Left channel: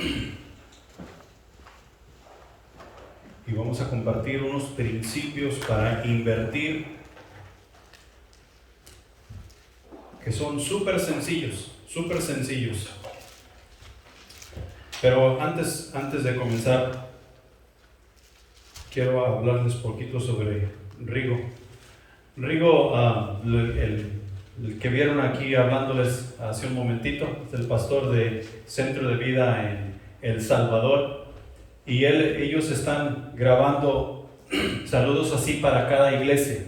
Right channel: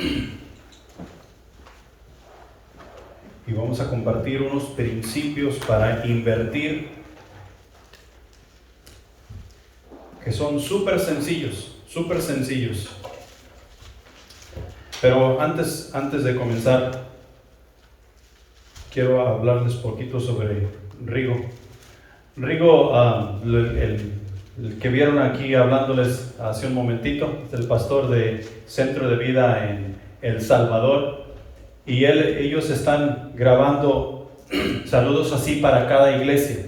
Y vamos a compartir unos principios para invertir que son súper sencillos. Pero antes de comenzar, quiero hablarles un poquito sobre Rigo. Rigo, el que vieron aquí hablándoles hace un momentito, es el pastor de Centro de Vida en El Salvador. Y ellos están grabando saludos así para cada iglesia.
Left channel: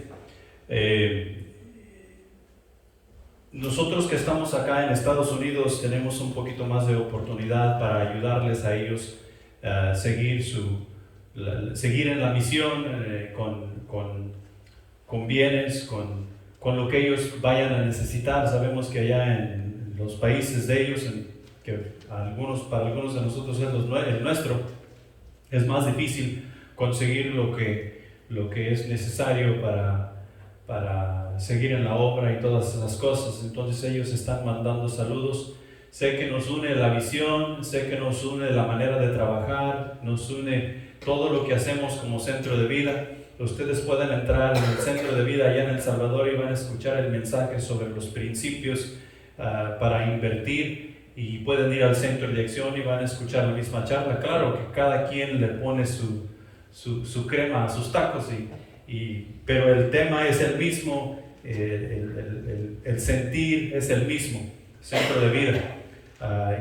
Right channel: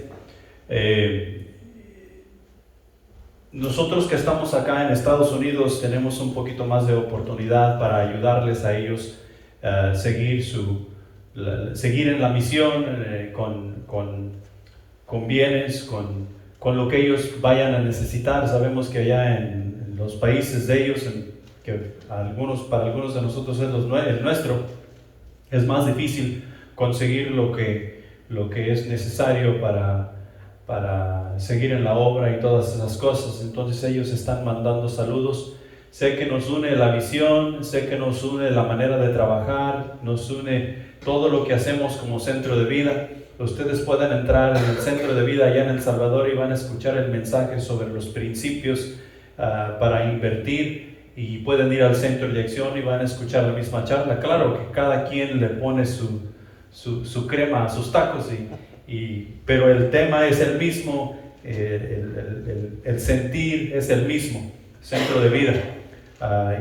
Nosotros que estamos acá en Estados Unidos tenemos un poquito más de oportunidad para ayudarles a ellos a seguir en la misión con bienes, con lo que ellos vayan a necesitar. Sabemos que allá en los países de ellos, que para algunos de nosotros es el nuestro, es más difícil conseguir lo que es necesario para seguir en la obra y todas esas cosas. Entonces ellos están mandando saludos. Sé que nos une la visión, sé que nos une la manera de trabajar, nos une todo lo que hacemos como Centro de Vida. Ustedes pueden entrar en el Centro de Vida allá en El Salvador y van a escuchar el mensaje sobre los principios para invertir, y pueden ir al centro de acción y van a escuchar la misma charla. Claro que cada quien le pone su crema a sus tacos, pero el tema es el mismo, el sentir es el mismo, Centro de Vida.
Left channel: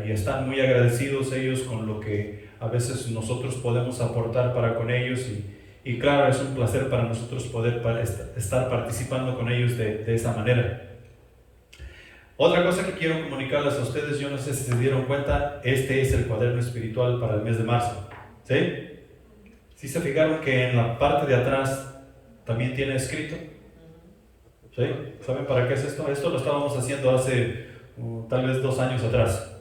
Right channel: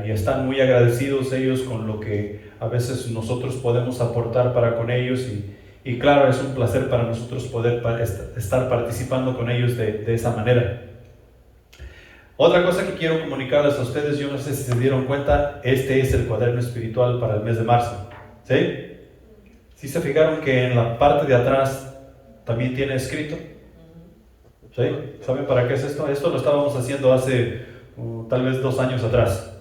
Y están muy agradecidos ellos con lo que a veces nosotros podemos aportar para con ellos, y claro, es un placer para nosotros poder estar participando con ellos de esa manera. Otra cosa que quiero comunicarles a ustedes, yo no sé si se dieron cuenta, este es el cuaderno espiritual para el mes de marzo. ¿Sí? ¿Sí se fijaron que en la parte de atrás también tiene escrito? ¿Sí? ¿Saben para qué es esto? Esto lo estábamos haciendo hace tal vez 2 años atrás.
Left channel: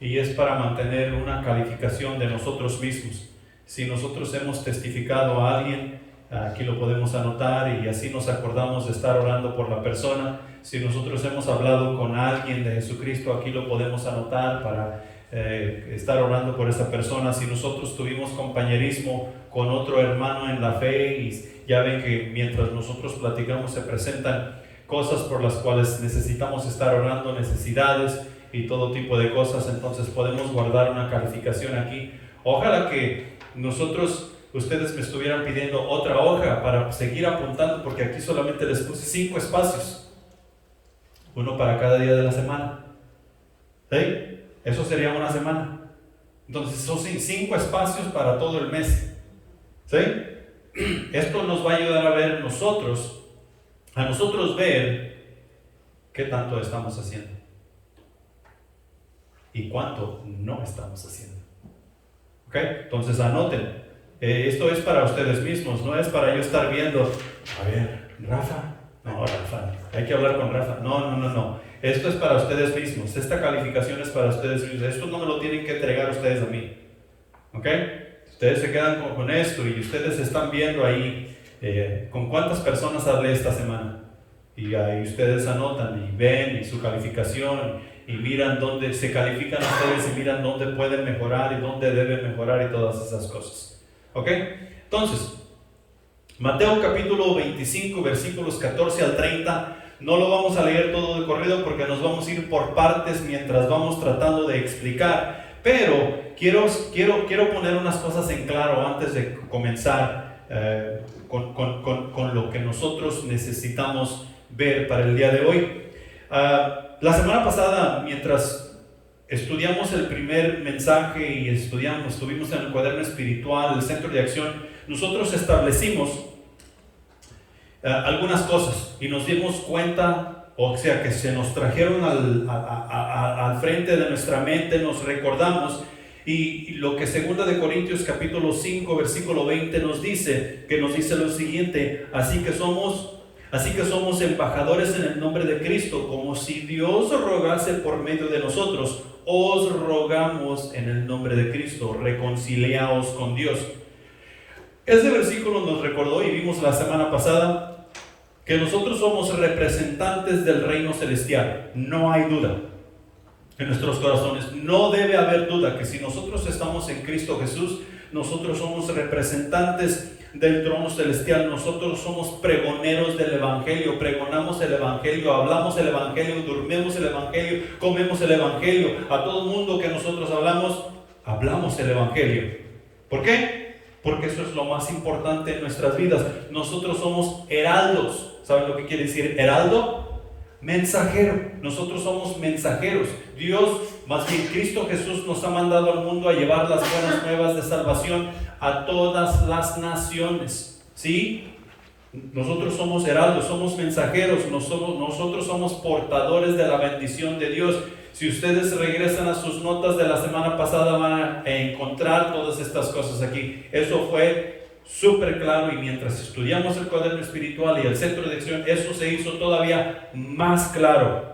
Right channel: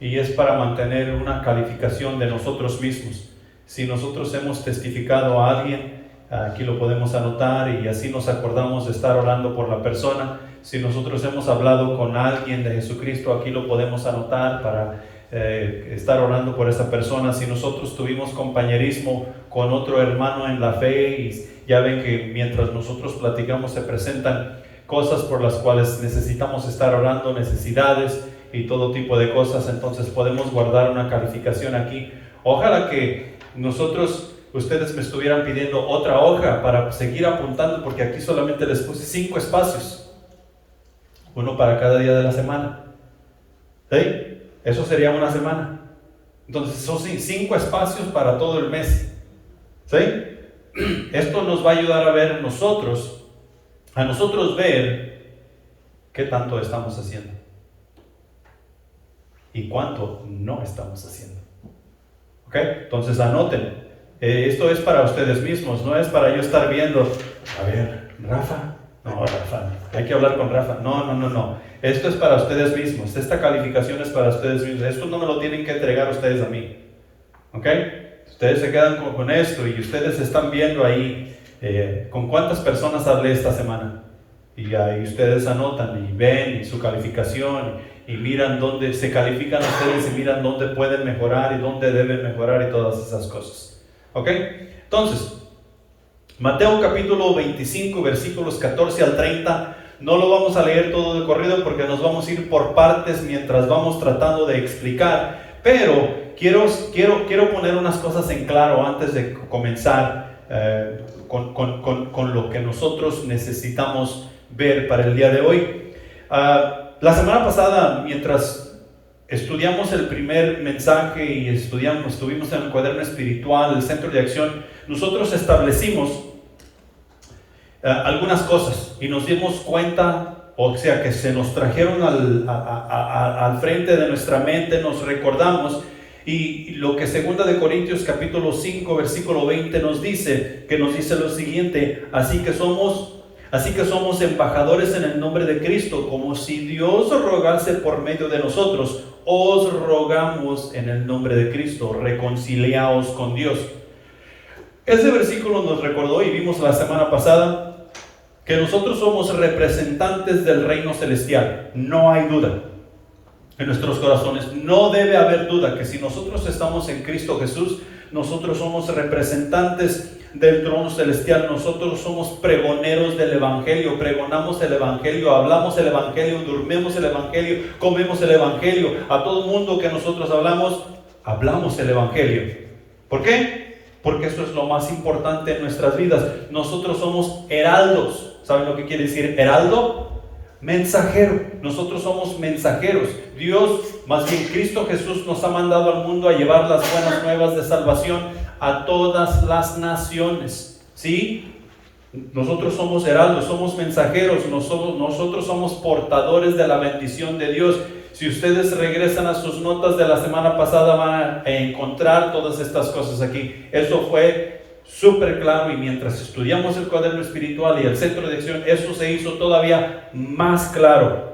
Y es para mantener una calificación de nosotros mismos. Si nosotros hemos testificado a alguien, aquí lo podemos anotar y así nos acordamos de estar orando por la persona. Si nosotros hemos hablado con alguien de Jesucristo, aquí lo podemos anotar para estar orando por esa persona. Si nosotros tuvimos compañerismo con otro hermano en la fe, y ya ven que mientras nosotros platicamos se presentan cosas por las cuales necesitamos estar orando, necesidades y todo tipo de cosas, entonces podemos guardar una calificación aquí. Ojalá que ustedes me estuvieran pidiendo otra hoja para seguir apuntando, porque aquí solamente les puse 5 espacios. Uno para cada día de la semana. ¿Sí? Eso sería una semana. Entonces son 5 espacios para todo el mes. ¿Sí? Esto nos va a ayudar a ver a nosotros ver qué tanto estamos haciendo y cuánto no estamos haciendo. ¿Ok? Entonces anoten. Esto es para ustedes mismos, no es para yo estar viendo, a ver, Rafa. No, Rafa, hay que hablar con Rafa. No. Esto es para ustedes mismos. Esta calificación es para ustedes mismos. Esto no me lo tienen que entregar ustedes a mí. ¿Ok? Ustedes se quedan con esto y ustedes están viendo ahí con cuántas personas hablé esta semana. Y ahí ustedes anotan y ven su calificación y miran dónde se califican ustedes y miran dónde pueden mejorar y dónde deben mejorar y todas esas cosas. ¿Ok? Entonces, Mateo capítulo 25, versículos 14 al 30, no lo vamos a leer todo de corrido porque nos vamos a ir por partes mientras vamos tratando de explicar, pero quiero poner unas cosas en claro antes de comenzar con lo que nosotros necesitamos ver para el día de hoy. La semana pasada, mientras estudiamos el primer mensaje y estuvimos en el cuaderno espiritual, el centro de acción, nosotros establecimos algunas cosas y nos dimos cuenta, o sea, que se nos trajeron al frente de nuestra mente, nos recordamos, y lo que 2 de Corintios capítulo 5 versículo 20 nos dice lo siguiente: así que somos embajadores en el nombre de Cristo, como si Dios rogase por medio de nosotros. Os rogamos en el nombre de Cristo, reconciliaos con Dios. Ese versículo nos recordó, y vimos la semana pasada, que nosotros somos representantes del reino celestial. No hay duda. en nuestros corazones. No debe haber duda que si nosotros estamos en Cristo Jesús, nosotros somos representantes del trono celestial. Nosotros somos pregoneros del Evangelio, pregonamos el Evangelio, hablamos el Evangelio, dormimos el Evangelio, comemos el Evangelio. A todo mundo que nosotros hablamos el Evangelio. ¿Por qué? Porque eso es lo más importante en nuestras vidas. Nosotros somos heraldos. ¿Saben lo que quiere decir heraldo? Mensajero. Nosotros somos mensajeros. Dios, más bien Cristo Jesús, nos ha mandado al mundo a llevar las buenas nuevas de salvación a todas las naciones. ¿Sí? Nosotros somos heraldos, somos mensajeros, nosotros somos portadores de la bendición de Dios. Si ustedes regresan a sus notas de la semana pasada, van a encontrar todas estas cosas aquí. Eso fue súper claro, y mientras estudiamos el cuaderno espiritual y el centro de acción, eso se hizo todavía más claro.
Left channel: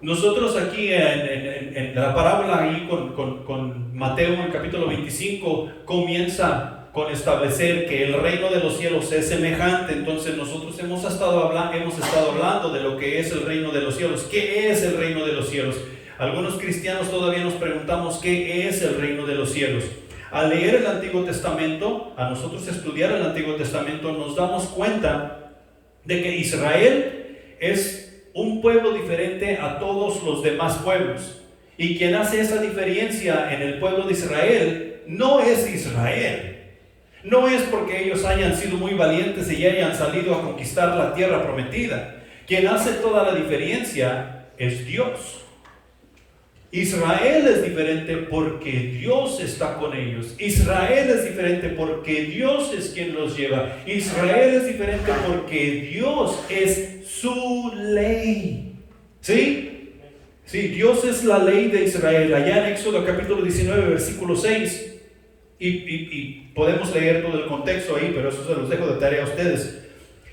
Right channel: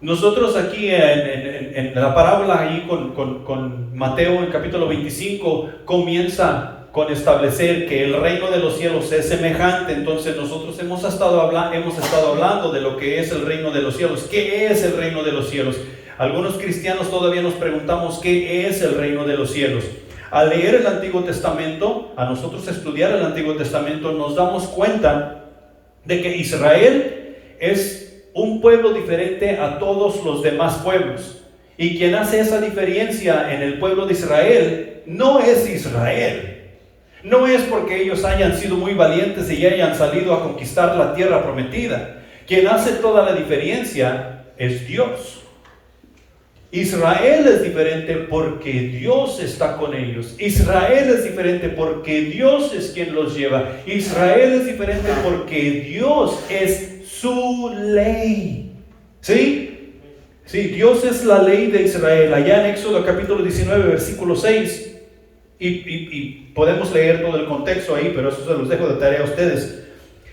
Nosotros aquí en la parábola ahí con Mateo en capítulo 25 comienza con establecer que el reino de los cielos es semejante. Entonces nosotros hemos estado hablando de lo que es el reino de los cielos. ¿Qué es el reino de los cielos? Algunos cristianos todavía nos preguntamos qué es el reino de los cielos. Al leer el Antiguo Testamento, a nosotros estudiar el Antiguo Testamento, nos damos cuenta de que Israel es un pueblo diferente a todos los demás pueblos. Y quien hace esa diferencia en el pueblo de Israel no es Israel. No es porque ellos hayan sido muy valientes y hayan salido a conquistar la tierra prometida. Quien hace toda la diferencia es Dios. Israel es diferente porque Dios está con ellos. Israel es diferente porque Dios es quien los lleva. Israel es diferente porque Dios es su ley. ¿Sí? Sí, Dios es la ley de Israel. Allá en Éxodo capítulo 19, versículo 6. Y podemos leer todo el contexto ahí, pero eso se los dejo de tarea a ustedes.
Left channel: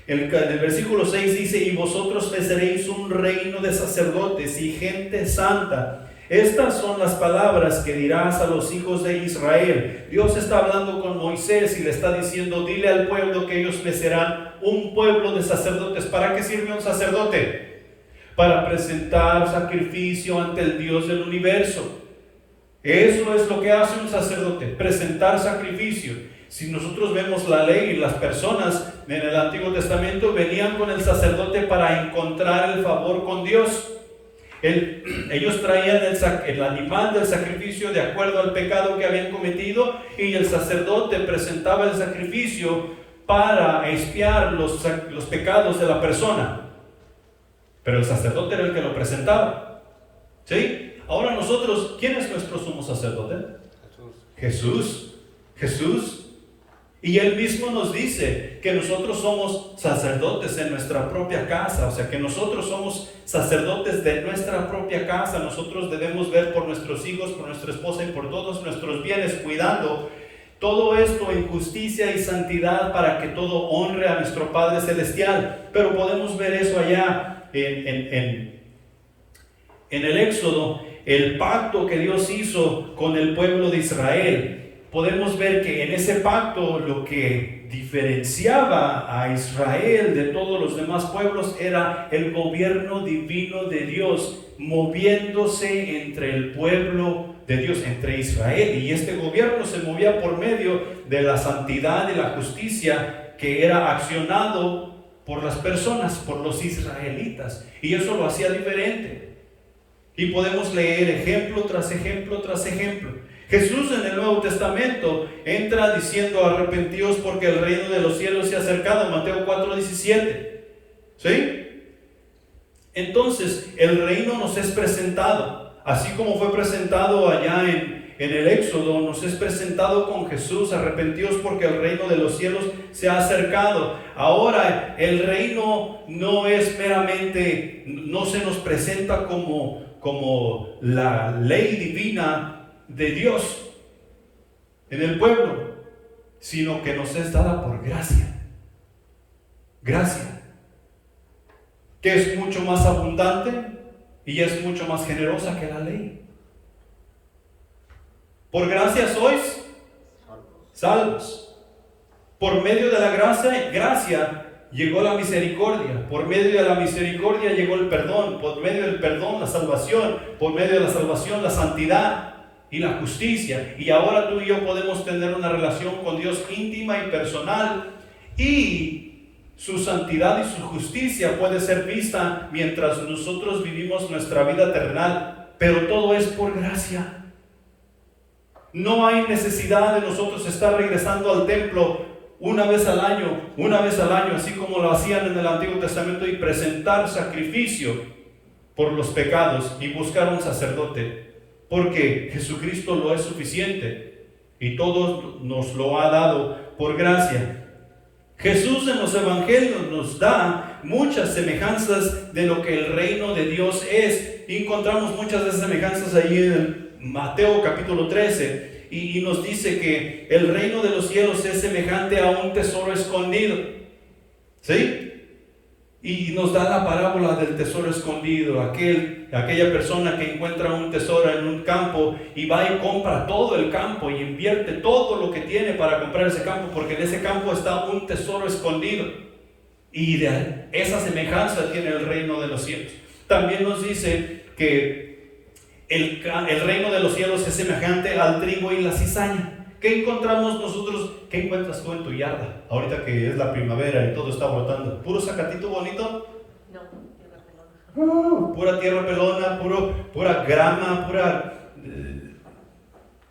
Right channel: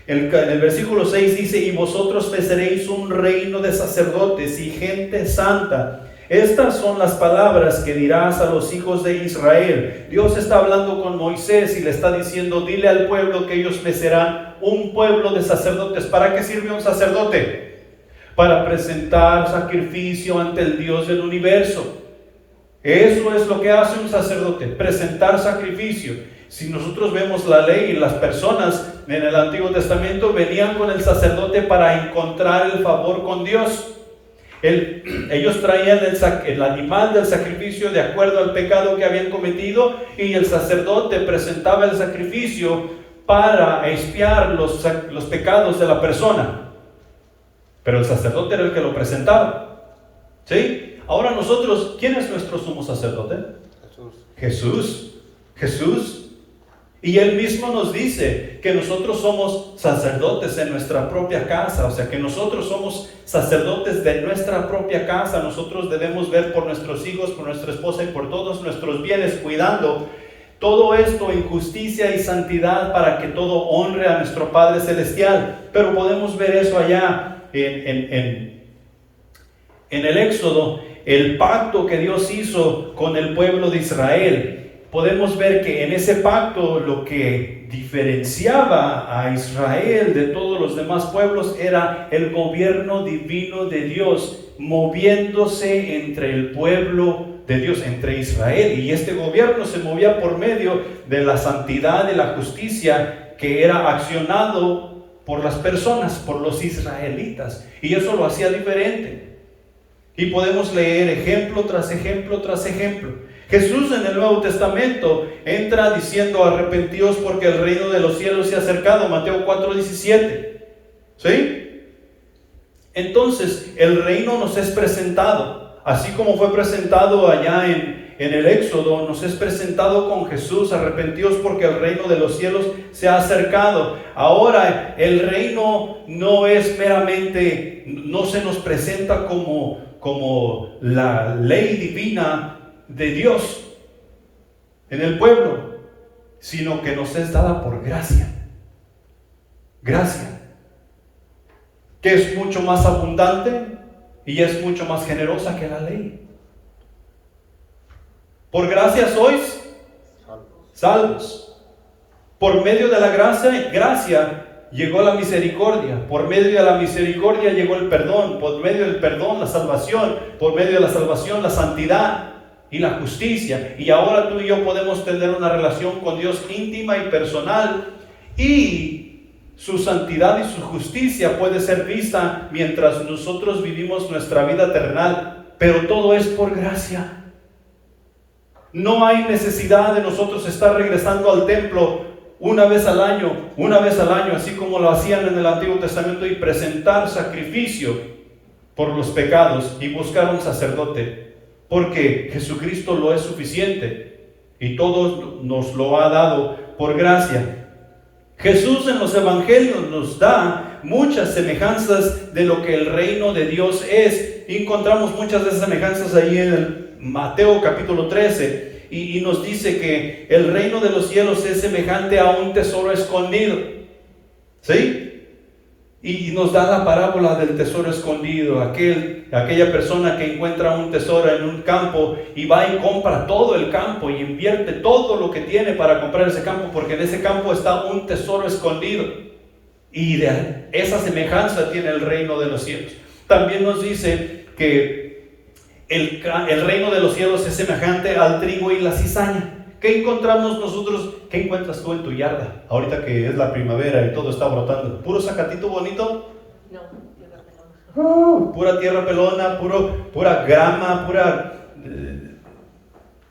En el versículo 6 dice: y vosotros me seréis un reino de sacerdotes y gente santa. Estas son las palabras que dirás a los hijos de Israel. Dios está hablando con Moisés y le está diciendo: dile al pueblo que ellos me serán un pueblo de sacerdotes. ¿Para qué sirve un sacerdote? Para presentar sacrificio ante el Dios del universo. Eso es lo que hace un sacerdote, presentar sacrificio. Si nosotros vemos la ley, y las personas en el Antiguo Testamento venían con el sacerdote para encontrar el favor con Dios. Ellos traían el animal del sacrificio de acuerdo al pecado que habían cometido, y el sacerdote presentaba el sacrificio para expiar los pecados de la persona. Pero el sacerdote era el que lo presentaba. ¿Sí? Ahora nosotros, ¿quién es nuestro sumo sacerdote? Jesús. Y Él mismo nos dice que nosotros somos sacerdotes en nuestra propia casa. O sea, que nosotros somos sacerdotes de nuestra propia casa. Nosotros debemos ver por nuestros hijos, por nuestra esposa y por todos nuestros bienes, cuidando todo esto en justicia y santidad para que todo honre a nuestro Padre Celestial. Pero podemos ver eso allá en el Éxodo, el pacto que Dios hizo con el pueblo de Israel. Podemos ver que en ese pacto lo que diferenciaba a Israel de todos los demás pueblos era el gobierno divino de Dios moviéndose entre el pueblo de Dios, entre Israel. Y este gobierno se movía por medio de la santidad y la justicia que era accionado por las personas, por los israelitas. Y eso lo hacía diferente. Y podemos leer ejemplo tras ejemplo tras ejemplo. Jesús en el Nuevo Testamento entra diciendo: arrepentíos porque el reino de los cielos se ha acercado. Mateo 4:17. ¿Sí? Entonces el reino nos es presentado, así como fue presentado allá en el Éxodo, nos es presentado con Jesús: arrepentíos porque el reino de los cielos se ha acercado. Ahora el reino no es meramente, no se nos presenta como la ley divina de Dios en el pueblo, sino que nos es dada por gracia, que es mucho más abundante y es mucho más generosa que la ley. Por gracia sois salvos. Por medio de la gracia llegó la misericordia, por medio de la misericordia llegó el perdón, por medio del perdón la salvación, por medio de la salvación la santidad y la justicia. Y ahora tú y yo podemos tener una relación con Dios íntima y personal, y su santidad y su justicia puede ser vista mientras nosotros vivimos nuestra vida terrenal, pero todo es por gracia. No hay necesidad de nosotros estar regresando al templo una vez al año, así como lo hacían en el Antiguo Testamento, y presentar sacrificio por los pecados y buscar un sacerdote, porque Jesucristo lo es suficiente y todo nos lo ha dado por gracia. Jesús en los evangelios nos da muchas semejanzas de lo que el reino de Dios es, y encontramos muchas de esas semejanzas ahí en el Mateo capítulo 13, y nos dice que el reino de los cielos es semejante a un tesoro escondido, ¿sí? Y nos da la parábola del tesoro escondido, aquella persona que encuentra un tesoro en un campo y va y compra todo el campo y invierte todo lo que tiene para comprar ese campo, porque en ese campo está un tesoro escondido. Y de esa semejanza tiene el reino de los cielos. También nos dice que el reino de los cielos es semejante al trigo y la cizaña. ¿Qué encontramos nosotros? ¿Qué encuentras tú en tu yarda? Ahorita que es la primavera y todo está brotando. ¿Puro zacatito bonito? No, pura tierra pelona, pura grama, pura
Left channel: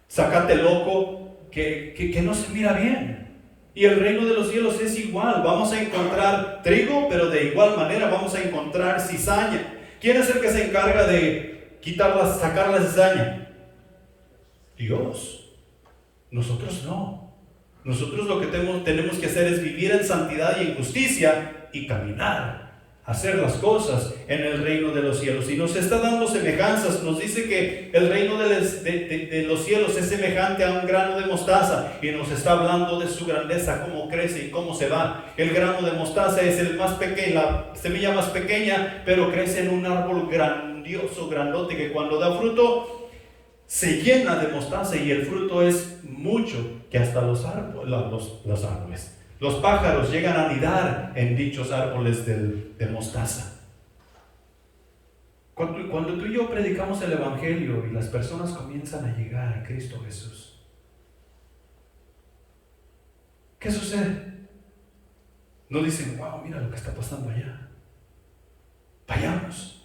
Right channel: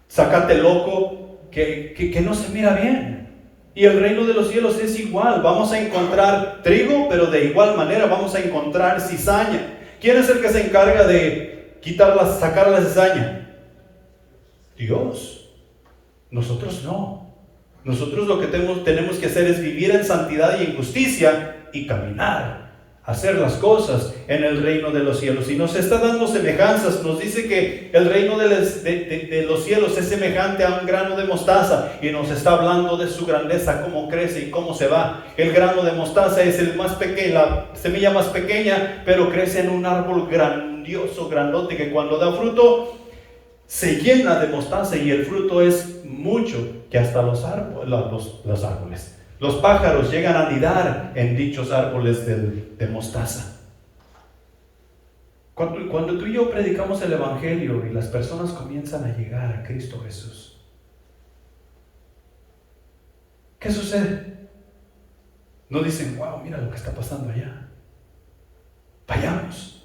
zacate loco, que no se mira bien. Y el reino de los cielos es igual. Vamos a encontrar trigo, pero de igual manera vamos a encontrar cizaña. ¿Quién es el que se encarga de sacar la cizaña? Dios. Nosotros no. Nosotros lo que tenemos que hacer es vivir en santidad y en justicia y caminar, hacer las cosas en el reino de los cielos. Y nos está dando semejanzas. Nos dice que el reino de los cielos es semejante a un grano de mostaza, y nos está hablando de su grandeza, cómo crece y cómo se va. El grano de mostaza es el más pequeño, la semilla más pequeña, pero crece en un árbol grandioso, grandote, que cuando da fruto se llena de mostaza, y el fruto es mucho, que hasta los árboles, los pájaros llegan a anidar en dichos árboles de mostaza. Cuando tú y yo predicamos el evangelio y las personas comienzan a llegar a Cristo Jesús, ¿qué sucede? No dicen, wow, mira lo que está pasando allá, vayamos.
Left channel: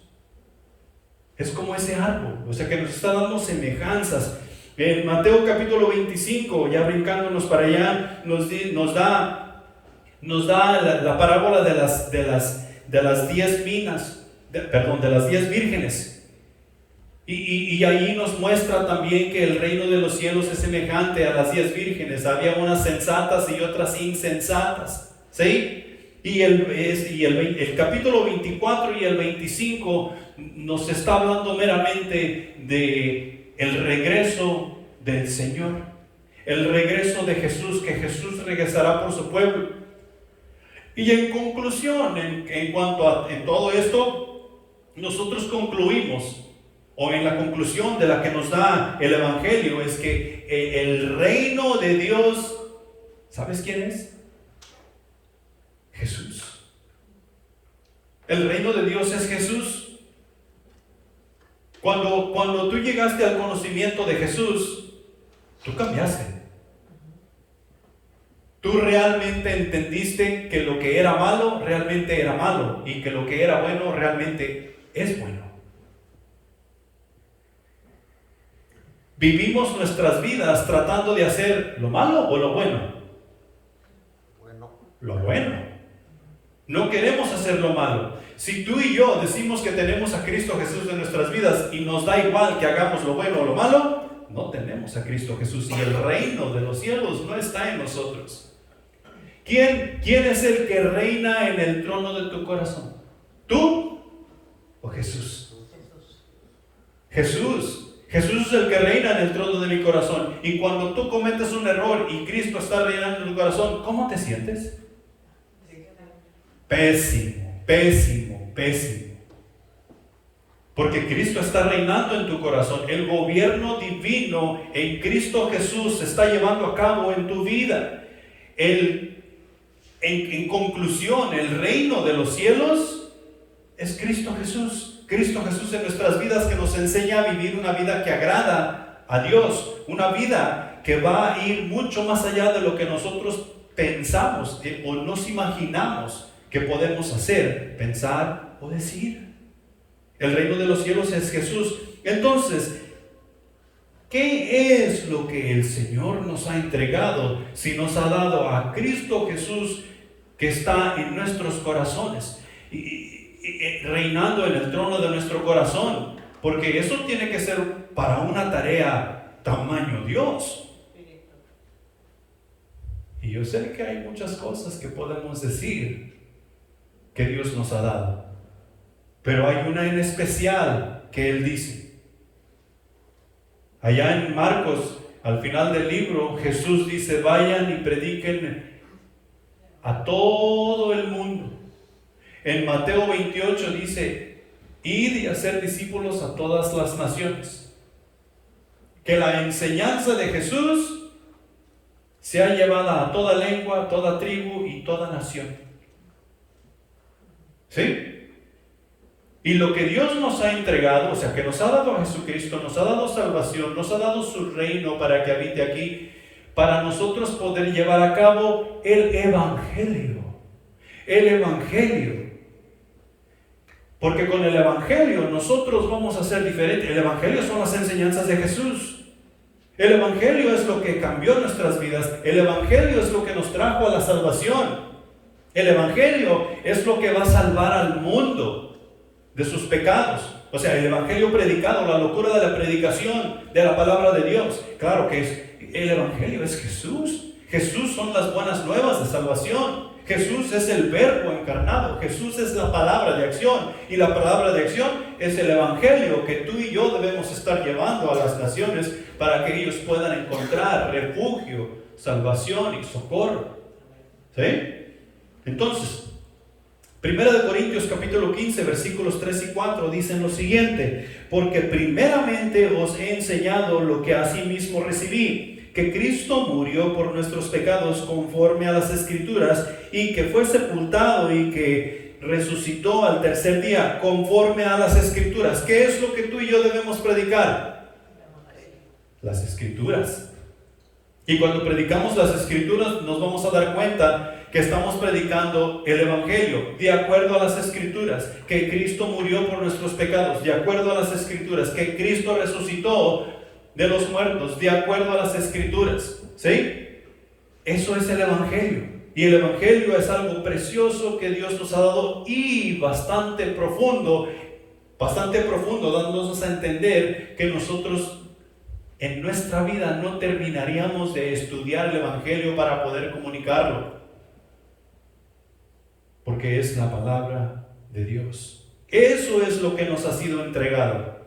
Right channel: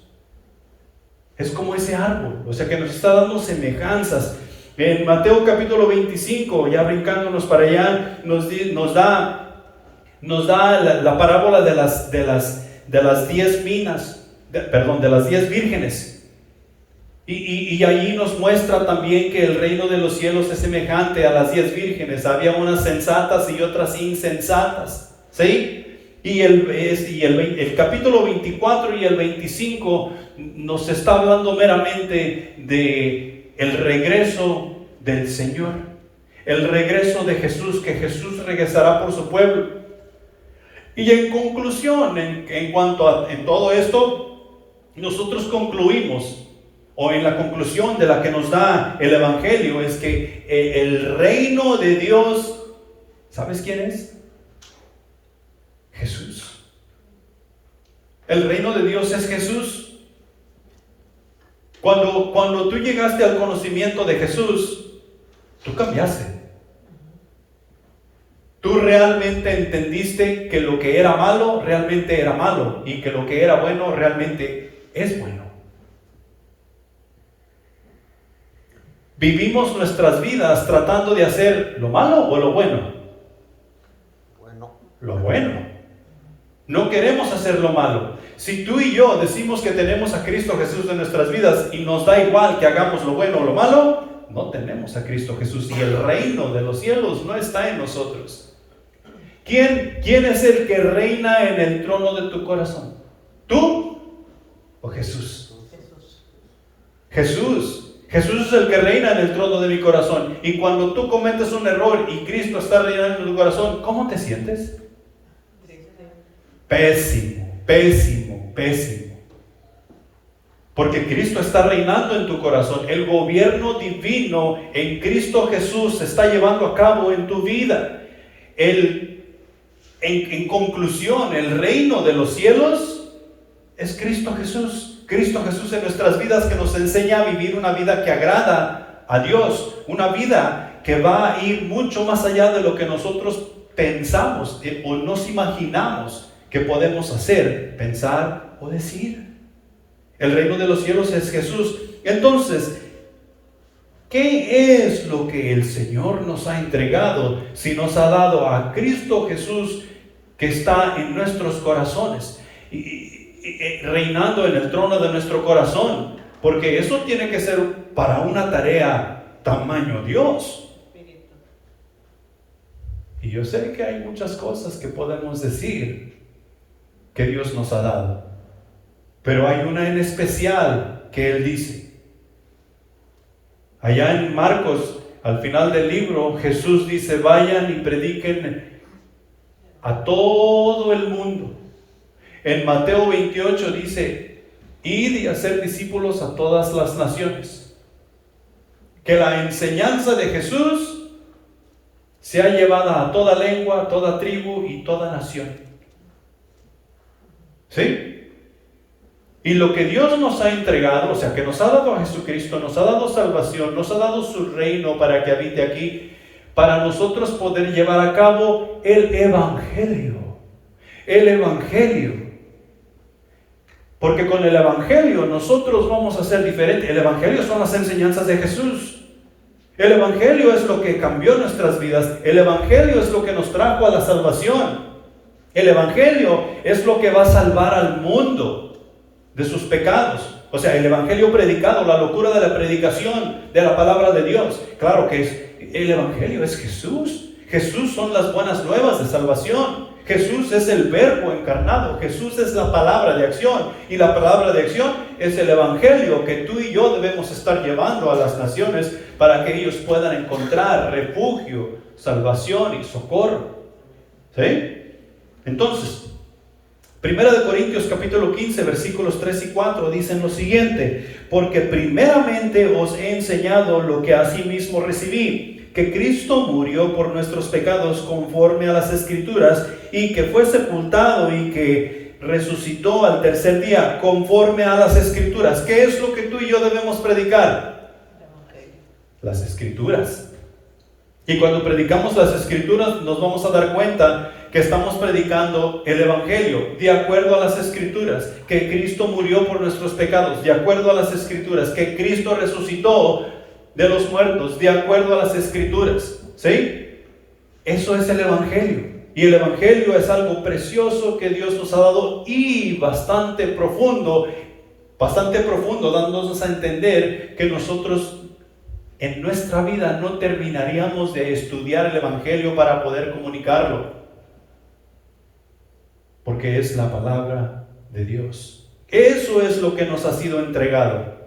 Es como ese árbol, o sea que nos está dando semejanzas. En Mateo capítulo 25, ya brincándonos para allá, nos da la parábola de las 10 de las 10 vírgenes. Y ahí nos muestra también que el reino de los cielos es semejante a las 10 vírgenes. Había unas sensatas y otras insensatas, ¿sí? Y el capítulo 24 y el 25 nos está hablando meramente de el regreso del Señor, el regreso de Jesús, que Jesús regresará por su pueblo. Y en conclusión, en todo esto, nosotros concluimos, o en la conclusión de la que nos da el Evangelio, es que el reino de Dios, ¿sabes quién es? Jesús. El reino de Dios es Jesús. Cuando tú llegaste al conocimiento de Jesús, tú cambiaste. Tú realmente entendiste que lo que era malo realmente era malo, y que lo que era bueno realmente es bueno. Vivimos nuestras vidas tratando de hacer lo malo o lo bueno. Lo bueno. No queremos hacer lo malo. Si tú y yo decimos que tenemos a Cristo Jesús en nuestras vidas y nos da igual que hagamos lo bueno o lo malo, no tenemos a Cristo Jesús, y el reino de los cielos no está en nosotros. ¿Quién es el que reina en el trono de tu corazón? ¿Tú o Jesús? Jesús es el que reina en el trono de mi corazón. Y cuando tú cometes un error y Cristo está reinando en tu corazón, ¿cómo te sientes? Pésimo. Porque Cristo está reinando en tu corazón. El gobierno divino en Cristo Jesús se está llevando a cabo en tu vida. En conclusión, el reino de los cielos es Cristo Jesús. Cristo Jesús en nuestras vidas, que nos enseña a vivir una vida que agrada a Dios, una vida que va a ir mucho más allá de lo que nosotros pensamos o nos imaginamos que podemos hacer, pensar o decir. El reino de los cielos es Jesús. Entonces, ¿qué es lo que el Señor nos ha entregado si nos ha dado a Cristo Jesús que está en nuestros corazones y reinando en el trono de nuestro corazón? Porque eso tiene que ser para una tarea tamaño Dios. Y yo sé que hay muchas cosas que podemos decir que Dios nos ha dado, pero hay una en especial que Él dice. Allá en Marcos, al final del libro, Jesús dice: vayan y prediquen a todo el mundo. En Mateo 28 dice: id y hacer discípulos a todas las naciones. Que la enseñanza de Jesús sea llevada a toda lengua, a toda tribu y toda nación. ¿Sí? Y lo que Dios nos ha entregado, o sea, que nos ha dado a Jesucristo, nos ha dado salvación, nos ha dado su reino para que habite aquí, para nosotros poder llevar a cabo el Evangelio. El Evangelio. Porque con el Evangelio nosotros vamos a ser diferentes. El Evangelio son las enseñanzas de Jesús. El Evangelio es lo que cambió nuestras vidas. El Evangelio es lo que nos trajo a la salvación. El Evangelio es lo que va a salvar al mundo de sus pecados. O sea, el Evangelio predicado, la locura de la predicación de la palabra de Dios. Claro que el Evangelio es Jesús. Jesús son las buenas nuevas de salvación. Jesús es el verbo encarnado. Jesús es la palabra de acción. Y la palabra de acción es el Evangelio que tú y yo debemos estar llevando a las naciones para que ellos puedan encontrar refugio, salvación y socorro. ¿Sí? Entonces, 1 Corintios capítulo 15 versículos 3 y 4 dicen lo siguiente: porque primeramente os he enseñado lo que asimismo recibí, que Cristo murió por nuestros pecados conforme a las Escrituras, y que fue sepultado y que resucitó al tercer día conforme a las Escrituras. ¿Qué es lo que tú y yo debemos predicar? Las Escrituras. Y cuando predicamos las Escrituras nos vamos a dar cuenta que estamos predicando el Evangelio de acuerdo a las Escrituras, que Cristo murió por nuestros pecados de acuerdo a las Escrituras, que Cristo resucitó de los muertos de acuerdo a las Escrituras. ¿Sí? Eso es el Evangelio. Y el Evangelio es algo precioso que Dios nos ha dado y bastante profundo, dándonos a entender que nosotros en nuestra vida no terminaríamos de estudiar el Evangelio para poder comunicarlo, porque es la palabra de Dios. Eso es lo que nos ha sido entregado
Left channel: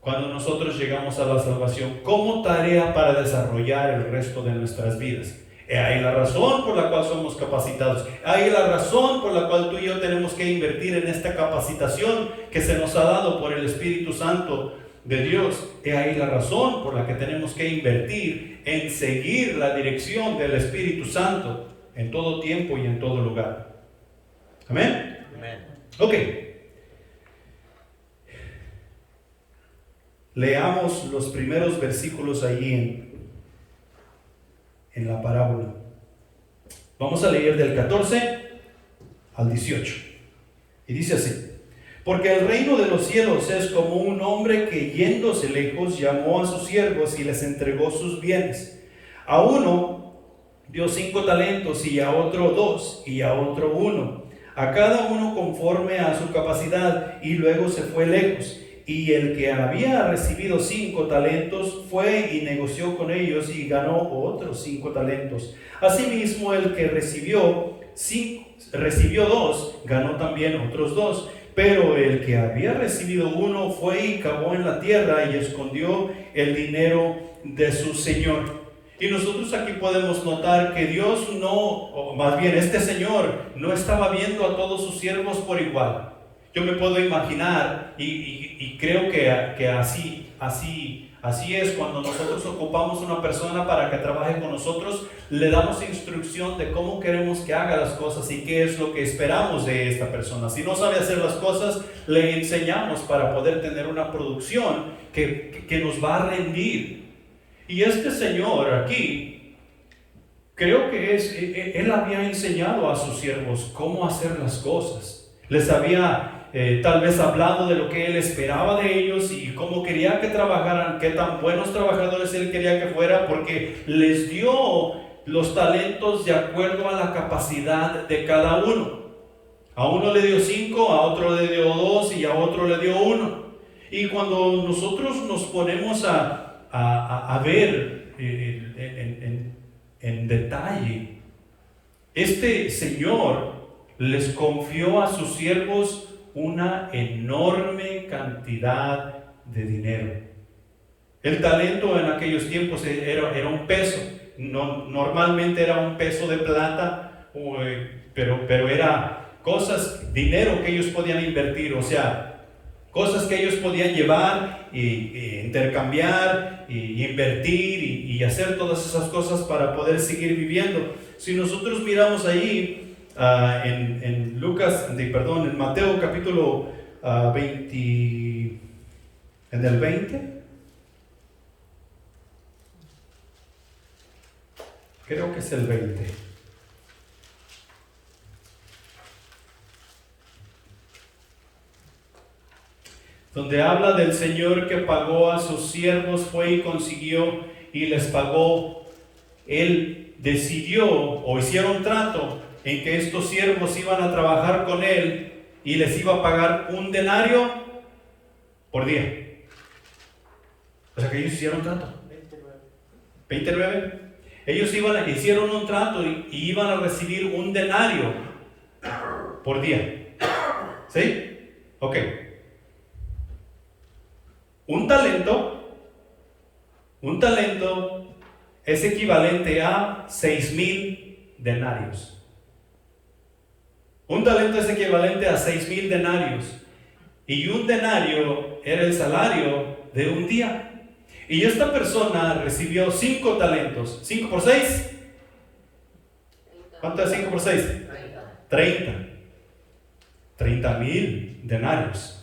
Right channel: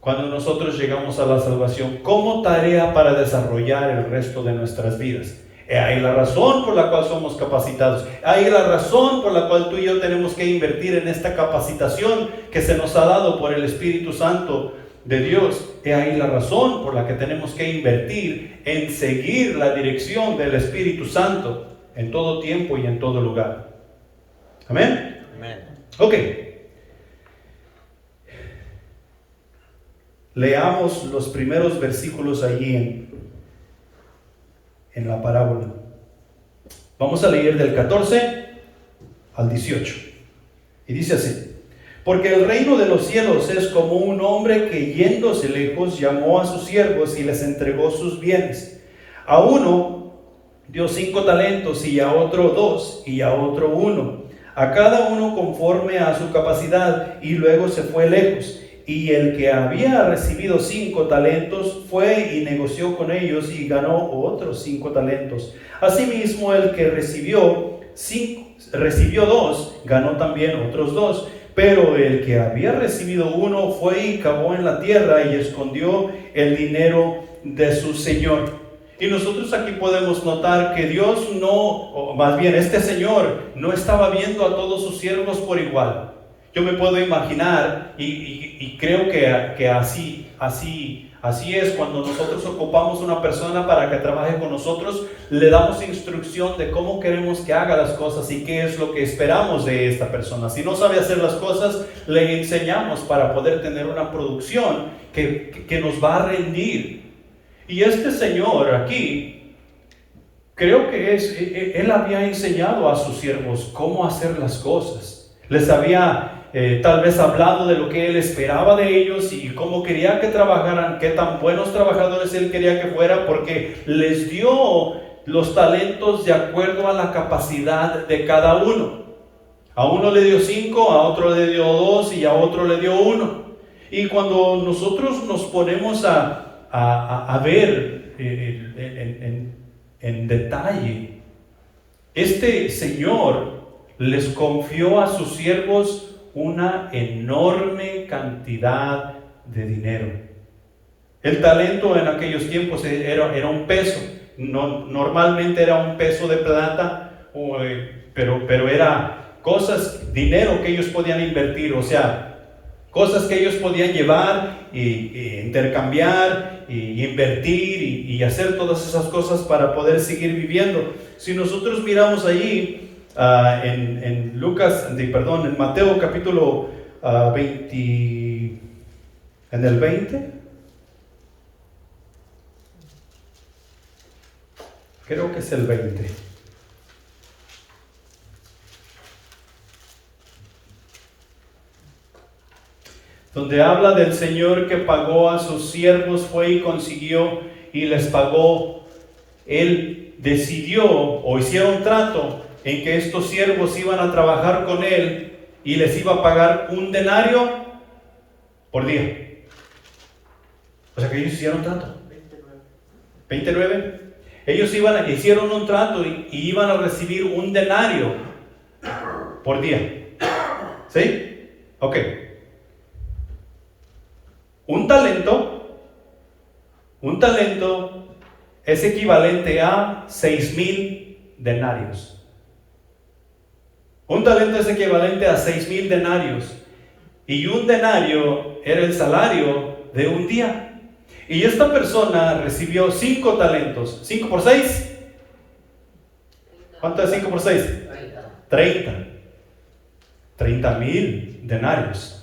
cuando nosotros llegamos a la salvación como tarea para desarrollar el resto de nuestras vidas. Hay la razón por la cual somos capacitados. Hay la razón por la cual tú y yo tenemos que invertir en esta capacitación que se nos ha dado por el Espíritu Santo de Dios. Hay la razón por la que tenemos que invertir en seguir la dirección del Espíritu Santo en todo tiempo y en todo lugar. Amén. Amén. Ok. Leamos los primeros versículos allí en la parábola. Vamos a leer del 14 al 18. Y dice así: porque el reino de los cielos es como un hombre que, yéndose lejos, llamó a sus siervos y les entregó sus bienes. A uno dio 5 talentos, y a otro 2, y a otro 1, a cada uno conforme a su capacidad, y luego se fue lejos. Y el que había recibido 5 talentos fue y negoció con ellos y ganó otros 5 talentos. Asimismo, el que recibió 2, ganó también otros 2. Pero el que había recibido 1 fue y cavó en la tierra y escondió el dinero de su señor. Y nosotros aquí podemos notar que Dios no, o más bien este señor, no estaba viendo a todos sus siervos por igual. Yo me puedo imaginar, y creo que así así es cuando nosotros ocupamos una persona para que trabaje con nosotros, le damos instrucción de cómo queremos que haga las cosas y qué es lo que esperamos de esta persona. Si no sabe hacer las cosas, le enseñamos para poder tener una producción que nos va a rendir. Y este señor aquí, creo que él había enseñado a sus siervos cómo hacer las cosas. Les había tal vez hablado de lo que él esperaba de ellos y cómo quería que trabajaran, qué tan buenos trabajadores él quería que fueran, porque les dio los talentos de acuerdo a la capacidad de cada uno. A uno le dio 5, a otro le dio 2 y a otro le dio 1. Y cuando nosotros nos ponemos a ver en detalle, este Señor les confió a sus siervos una enorme cantidad de dinero. El talento en aquellos tiempos era un peso, normalmente era un peso de plata, pero era dinero que ellos podían invertir, o sea, cosas que ellos podían llevar y intercambiar y invertir y hacer todas esas cosas para poder seguir viviendo. Si nosotros miramos allí en en Mateo capítulo 20, en el 20, creo que es el 20, donde habla del Señor que pagó a sus siervos, fue y consiguió y les pagó. Él decidió o hicieron trato en que estos siervos iban a trabajar con él y les iba a pagar un denario por día. O sea que ellos hicieron trato. 29. Ellos hicieron un trato y iban a recibir un denario por día. ¿Sí? Ok. Un talento es equivalente a 6,000 denarios. Un talento es equivalente a 6,000 denarios. Y un denario era el salario de un día. Y esta persona recibió 5 talentos. 5 por 6. ¿Cuánto es 5 por 6? 30,000 denarios.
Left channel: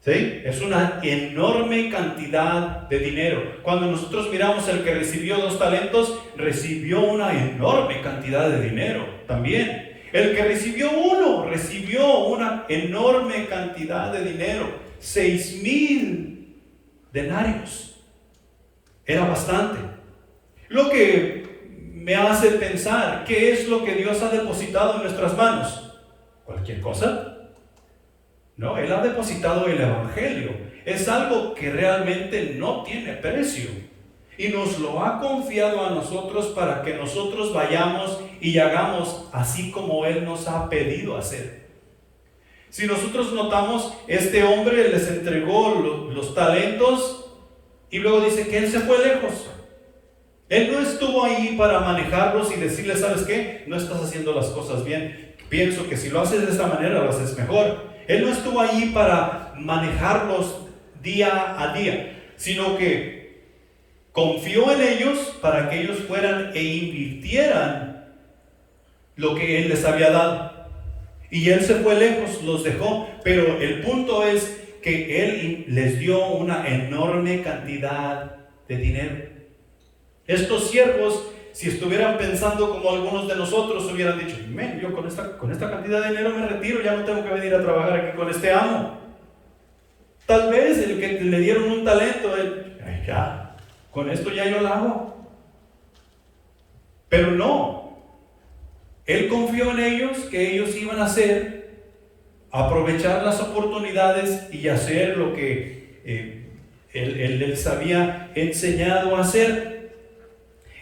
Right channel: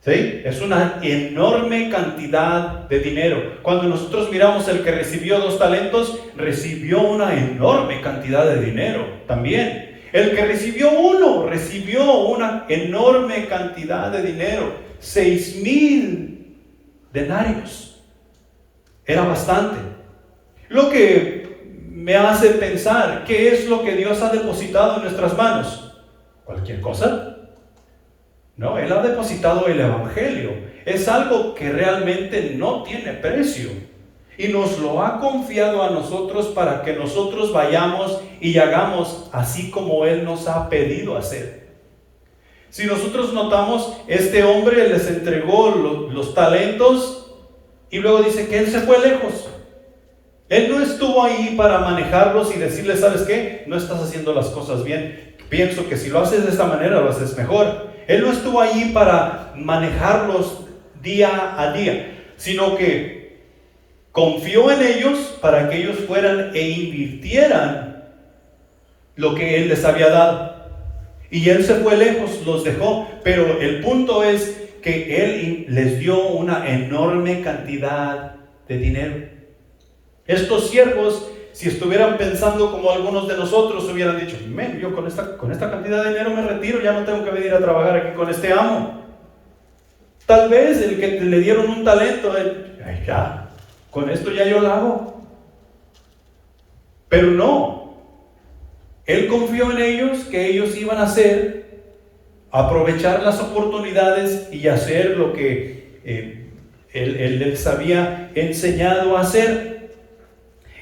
¿Sí? Es una enorme cantidad de dinero. Cuando nosotros miramos el que recibió 2 talentos, recibió una enorme cantidad de dinero también. El que recibió 1, recibió una enorme cantidad de dinero. 6,000 denarios. Era bastante. Lo que me hace pensar, ¿qué es lo que Dios ha depositado en nuestras manos? ¿Cualquier cosa? No, Él ha depositado el Evangelio. Es algo que realmente no tiene precio. Y nos lo ha confiado a nosotros para que nosotros vayamos y hagamos así como Él nos ha pedido hacer. Si nosotros notamos, este hombre les entregó los talentos y luego dice que Él se fue lejos. Él no estuvo ahí para manejarlos y decirles, ¿sabes qué? No estás haciendo las cosas bien. Pienso que si lo haces de esta manera, lo haces mejor. Él no estuvo ahí para manejarlos día a día, sino que confió en ellos para que ellos fueran e invirtieran lo que Él les había dado. Y Él se fue lejos, los dejó, pero el punto es que Él les dio una enorme cantidad de dinero. Estos siervos, si estuvieran pensando como algunos de nosotros, hubieran dicho, yo con esta cantidad de dinero me retiro, ya no tengo que venir a trabajar aquí con este amo. Tal vez el que le dieron un talento, ya, con esto ya yo lo hago. Pero no, Él confió en ellos, que ellos iban a hacer, aprovechar las oportunidades y hacer lo que Él les había enseñado a hacer.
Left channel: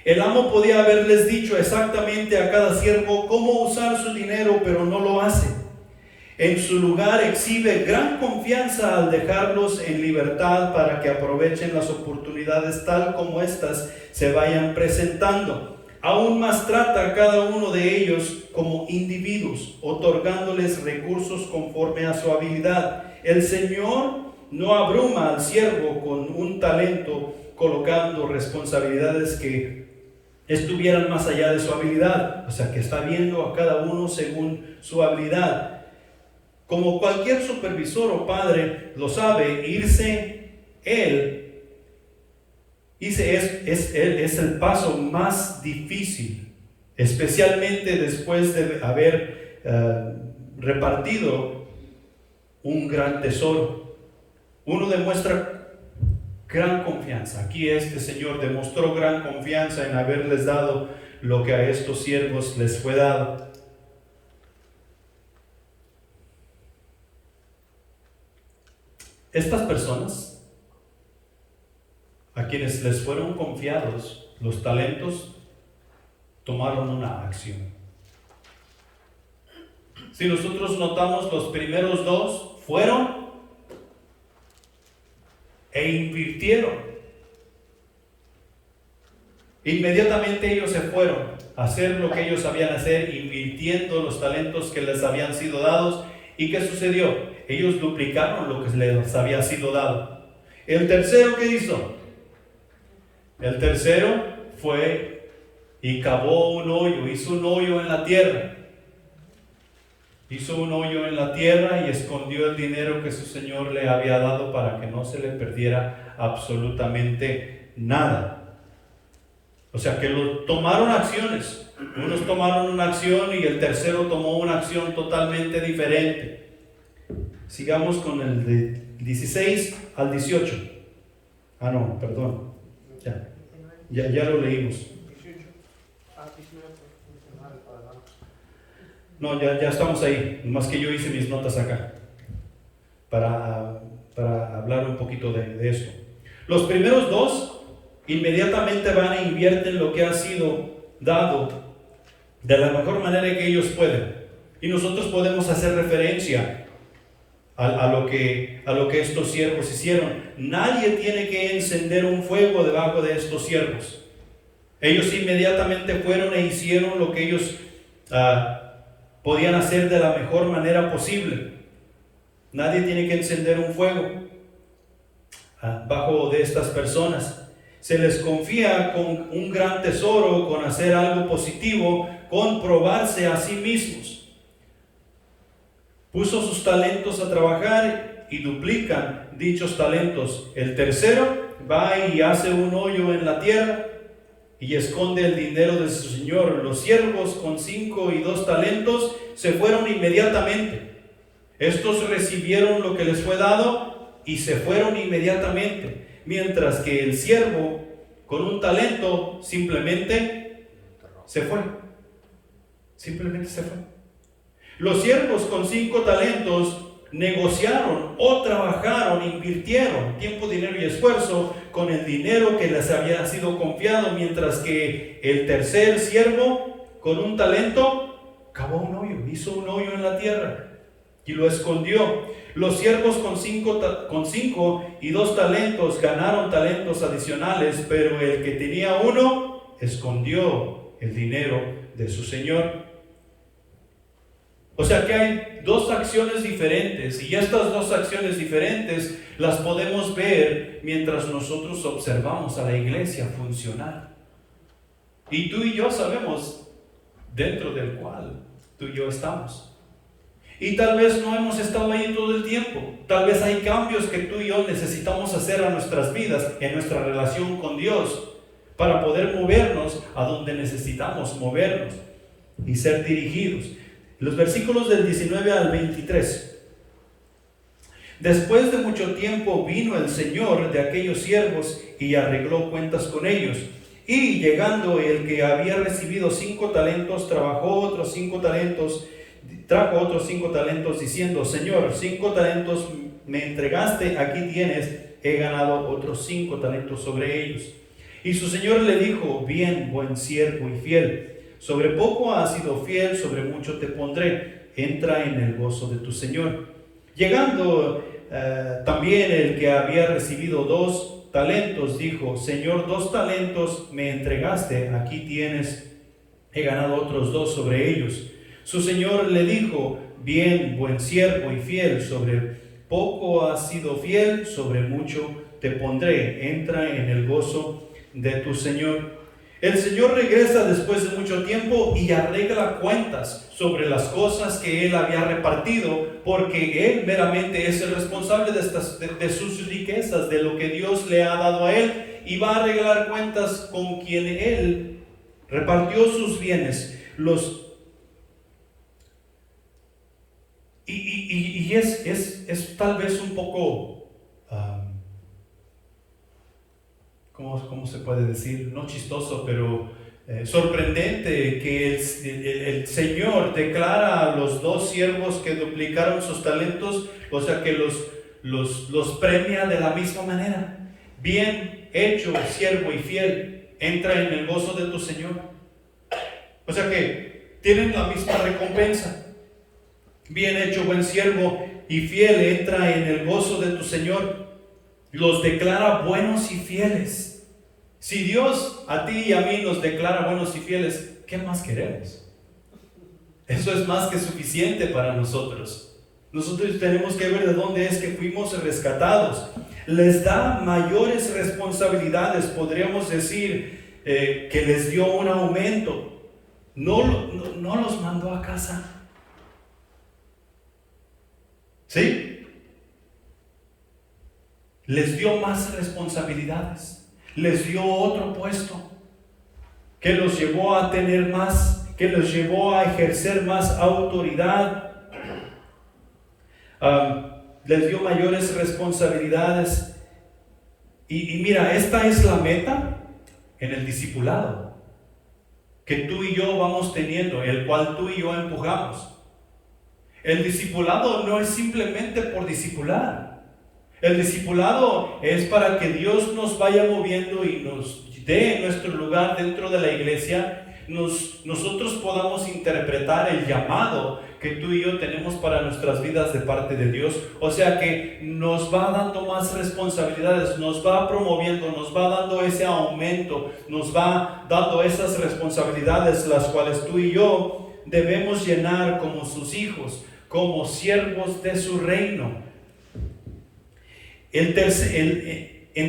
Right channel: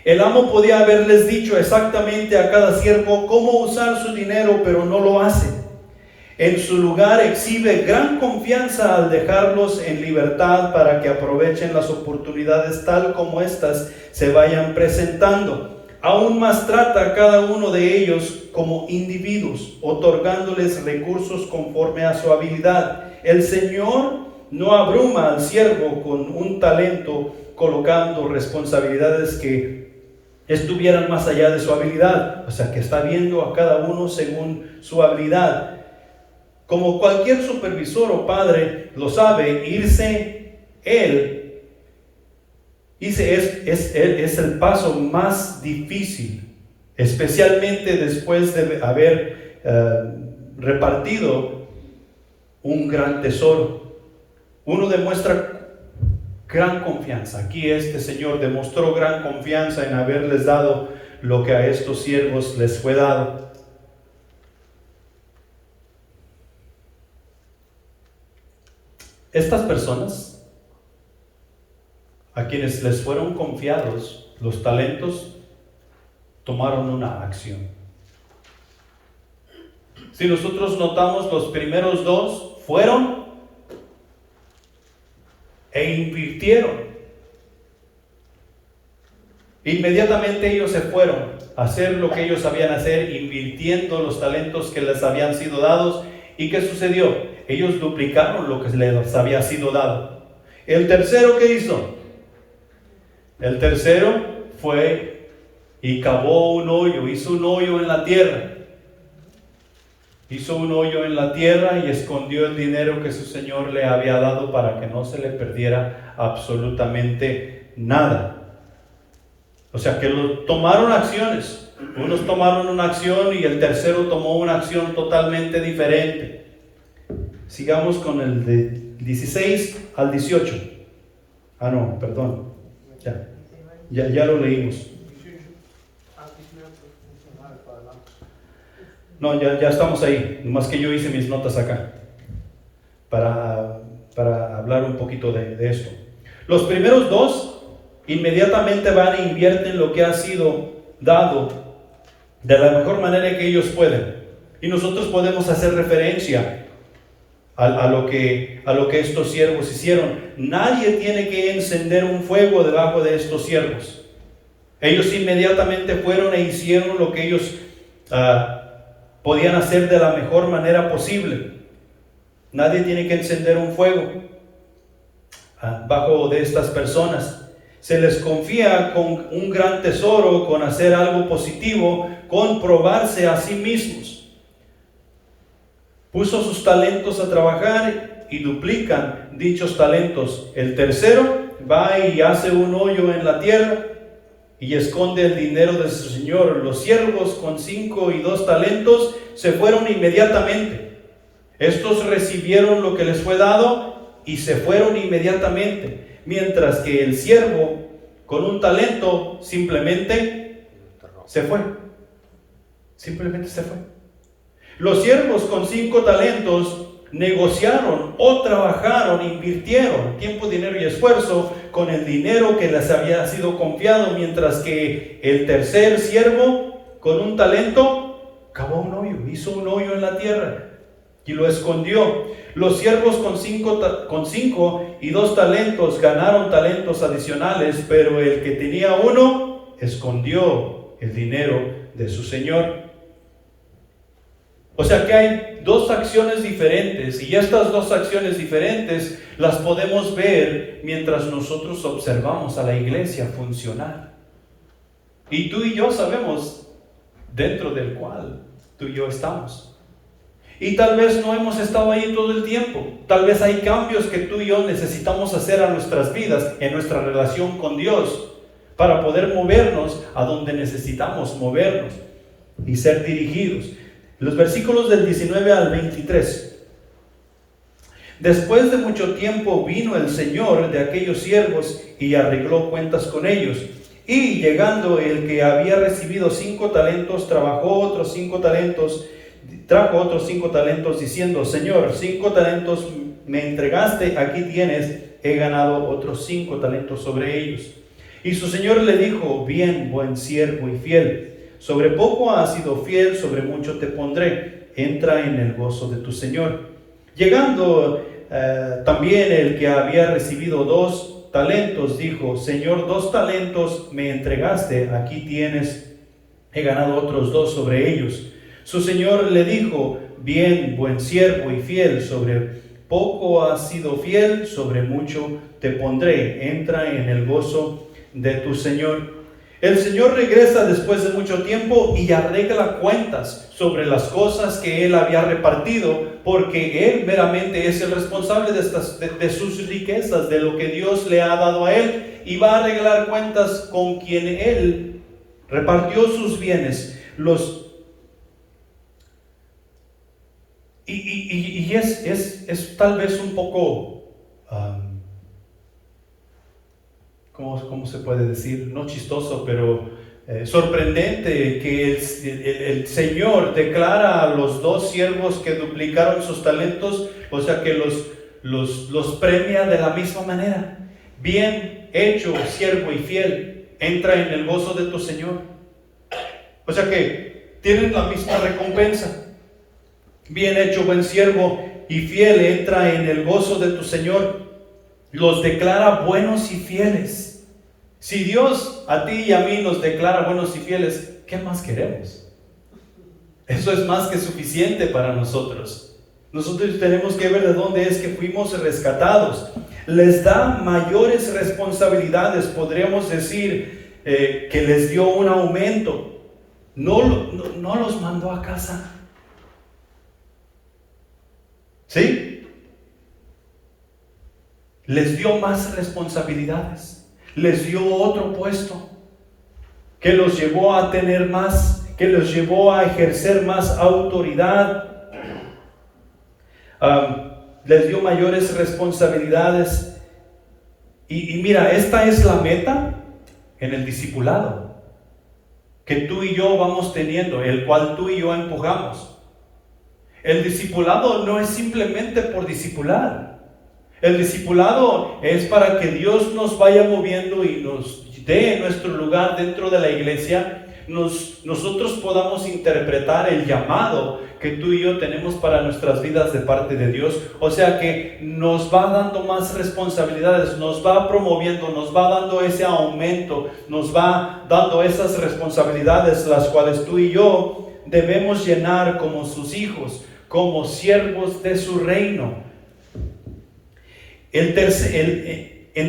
El amo podía haberles dicho exactamente a cada siervo cómo usar su dinero, pero no lo hace. En su lugar exhibe gran confianza al dejarlos en libertad para que aprovechen las oportunidades tal como éstas se vayan presentando. Aún más trata a cada uno de ellos como individuos, otorgándoles recursos conforme a su habilidad. El Señor no abruma al siervo con un talento, colocando responsabilidades que estuvieran más allá de su habilidad. O sea, que está viendo a cada uno según su habilidad. Como cualquier supervisor o padre lo sabe, es el paso más difícil, especialmente después de haber repartido un gran tesoro. Uno demuestra gran confianza. Aquí este Señor demostró gran confianza en haberles dado lo que a estos siervos les fue dado. Estas personas, a quienes les fueron confiados los talentos, tomaron una acción. Si nosotros notamos, los primeros dos fueron e invirtieron. Inmediatamente ellos se fueron a hacer lo que ellos sabían hacer, invirtiendo los talentos que les habían sido dados. ¿Y qué sucedió? Ellos duplicaron lo que les había sido dado. El tercero, ¿qué hizo? El tercero fue y cavó un hoyo, hizo un hoyo en la tierra. Hizo un hoyo en la tierra y escondió el dinero que su Señor le había dado para que no se le perdiera absolutamente nada. O sea que tomaron acciones. Unos tomaron una acción y el tercero tomó una acción totalmente diferente. Sigamos con el de 16 al 18. No, perdón. Ya lo leímos. No, ya estamos ahí. Nomás que yo hice mis notas acá para hablar un poquito de eso. Los primeros dos inmediatamente van e invierten lo que ha sido dado de la mejor manera que ellos pueden. Y nosotros podemos hacer referencia a lo que estos siervos hicieron. Nadie tiene que encender un fuego debajo de estos siervos. Ellos inmediatamente fueron e hicieron lo que ellos podían hacer de la mejor manera posible. Nadie tiene que encender un fuego bajo de estas personas. Se les confía con un gran tesoro, con hacer algo positivo, con probarse a sí mismos. Puso sus talentos a trabajar y duplican dichos talentos. El tercero va y hace un hoyo en la tierra y esconde el dinero de su Señor. Los siervos con 5 y 2 talentos se fueron inmediatamente. Estos recibieron lo que les fue dado y se fueron inmediatamente, mientras que el siervo con un talento simplemente se fue. Simplemente se fue. Los siervos con 5 talentos negociaron o trabajaron, invirtieron tiempo, dinero y esfuerzo con el dinero que les había sido confiado, mientras que el tercer siervo con un talento cavó un hoyo, hizo un hoyo en la tierra y lo escondió. Los siervos con 5 y 2 talentos ganaron talentos adicionales, pero el que tenía uno escondió el dinero de su Señor. O sea que hay dos acciones diferentes, y estas dos acciones diferentes las podemos ver mientras nosotros observamos a la iglesia funcionar. Y tú y yo sabemos dentro del cual tú y yo estamos. Y tal vez no hemos estado ahí todo el tiempo. Tal vez hay cambios que tú y yo necesitamos hacer a nuestras vidas, en nuestra relación con Dios, para poder movernos a donde necesitamos movernos y ser dirigidos. Los versículos del 19 al 23. Después de mucho tiempo vino el Señor de aquellos siervos y arregló cuentas con ellos. Y llegando el que había recibido 5 talentos, trajo otros 5 talentos, diciendo: Señor, 5 talentos me entregaste, aquí tienes, he ganado otros 5 talentos sobre ellos. Y su Señor le dijo: bien, buen siervo y fiel. Sobre poco has sido fiel, sobre mucho te pondré. Entra en el gozo de tu Señor. Llegando también el que había recibido 2 talentos, dijo: Señor, 2 talentos me entregaste, aquí tienes, he ganado otros 2 sobre ellos. Su Señor le dijo: bien, buen siervo y fiel, sobre poco has sido fiel, sobre mucho te pondré. Entra en el gozo de tu Señor. El Señor regresa después de mucho tiempo y arregla cuentas sobre las cosas que Él había repartido, porque Él meramente es el responsable de sus riquezas, de lo que Dios le ha dado a Él, y va a arreglar cuentas con quien Él repartió sus bienes. Es tal vez un poco, ¿cómo se puede decir? No chistoso, pero sorprendente que el Señor declara a los dos siervos que duplicaron sus talentos, o sea que los premia de la misma manera. Bien hecho, siervo y fiel, entra en el gozo de tu Señor. O sea que tienen la misma recompensa. Bien hecho, buen siervo y fiel, entra en el gozo de tu Señor. Los declara buenos y fieles. Si Dios a ti y a mí nos declara buenos y fieles, ¿qué más queremos? Eso es más que suficiente para nosotros. Nosotros tenemos que ver de dónde es que fuimos rescatados. Les da mayores responsabilidades, podríamos decir que les dio un aumento. No los mandó a casa. ¿Sí? Les dio más responsabilidades, les dio otro puesto que los llevó a tener más, que los llevó a ejercer más autoridad, les dio mayores responsabilidades. Y mira, esta es la meta en el discipulado que tú y yo vamos teniendo, el cual tú y yo empujamos. El discipulado no es simplemente por discipular. El discipulado es para que Dios nos vaya moviendo y nos dé nuestro lugar dentro de la iglesia. Nosotros podamos interpretar el llamado que tú y yo tenemos para nuestras vidas de parte de Dios. O sea que nos va dando más responsabilidades, nos va promoviendo, nos va dando ese aumento, nos va dando esas responsabilidades, las cuales tú y yo debemos llenar como sus hijos, como siervos de su reino. En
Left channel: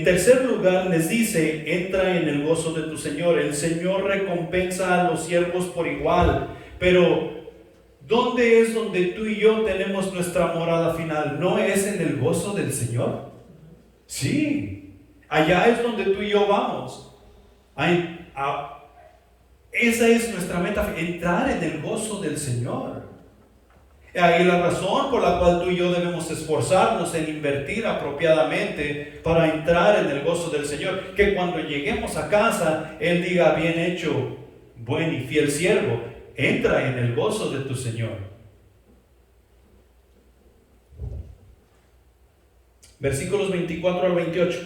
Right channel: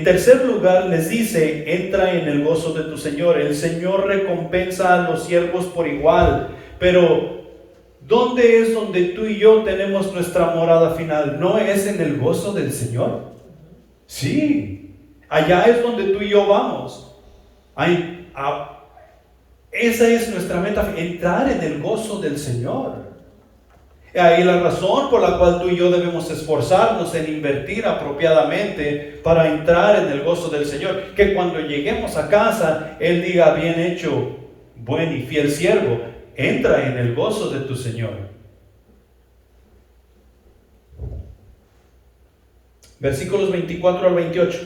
tercer lugar les dice, entra en el gozo de tu Señor. El Señor recompensa a los siervos por igual, pero ¿dónde es donde tú y yo tenemos nuestra morada final? ¿No es en el gozo del Señor? Sí, allá es donde tú y yo vamos. Esa es nuestra meta, entrar en el gozo del Señor. Ahí la razón por la cual tú y yo debemos esforzarnos en invertir apropiadamente para entrar en el gozo del Señor. Que cuando lleguemos a casa, Él diga, bien hecho, buen y fiel siervo, entra en el gozo de tu Señor. Versículos 24 al 28.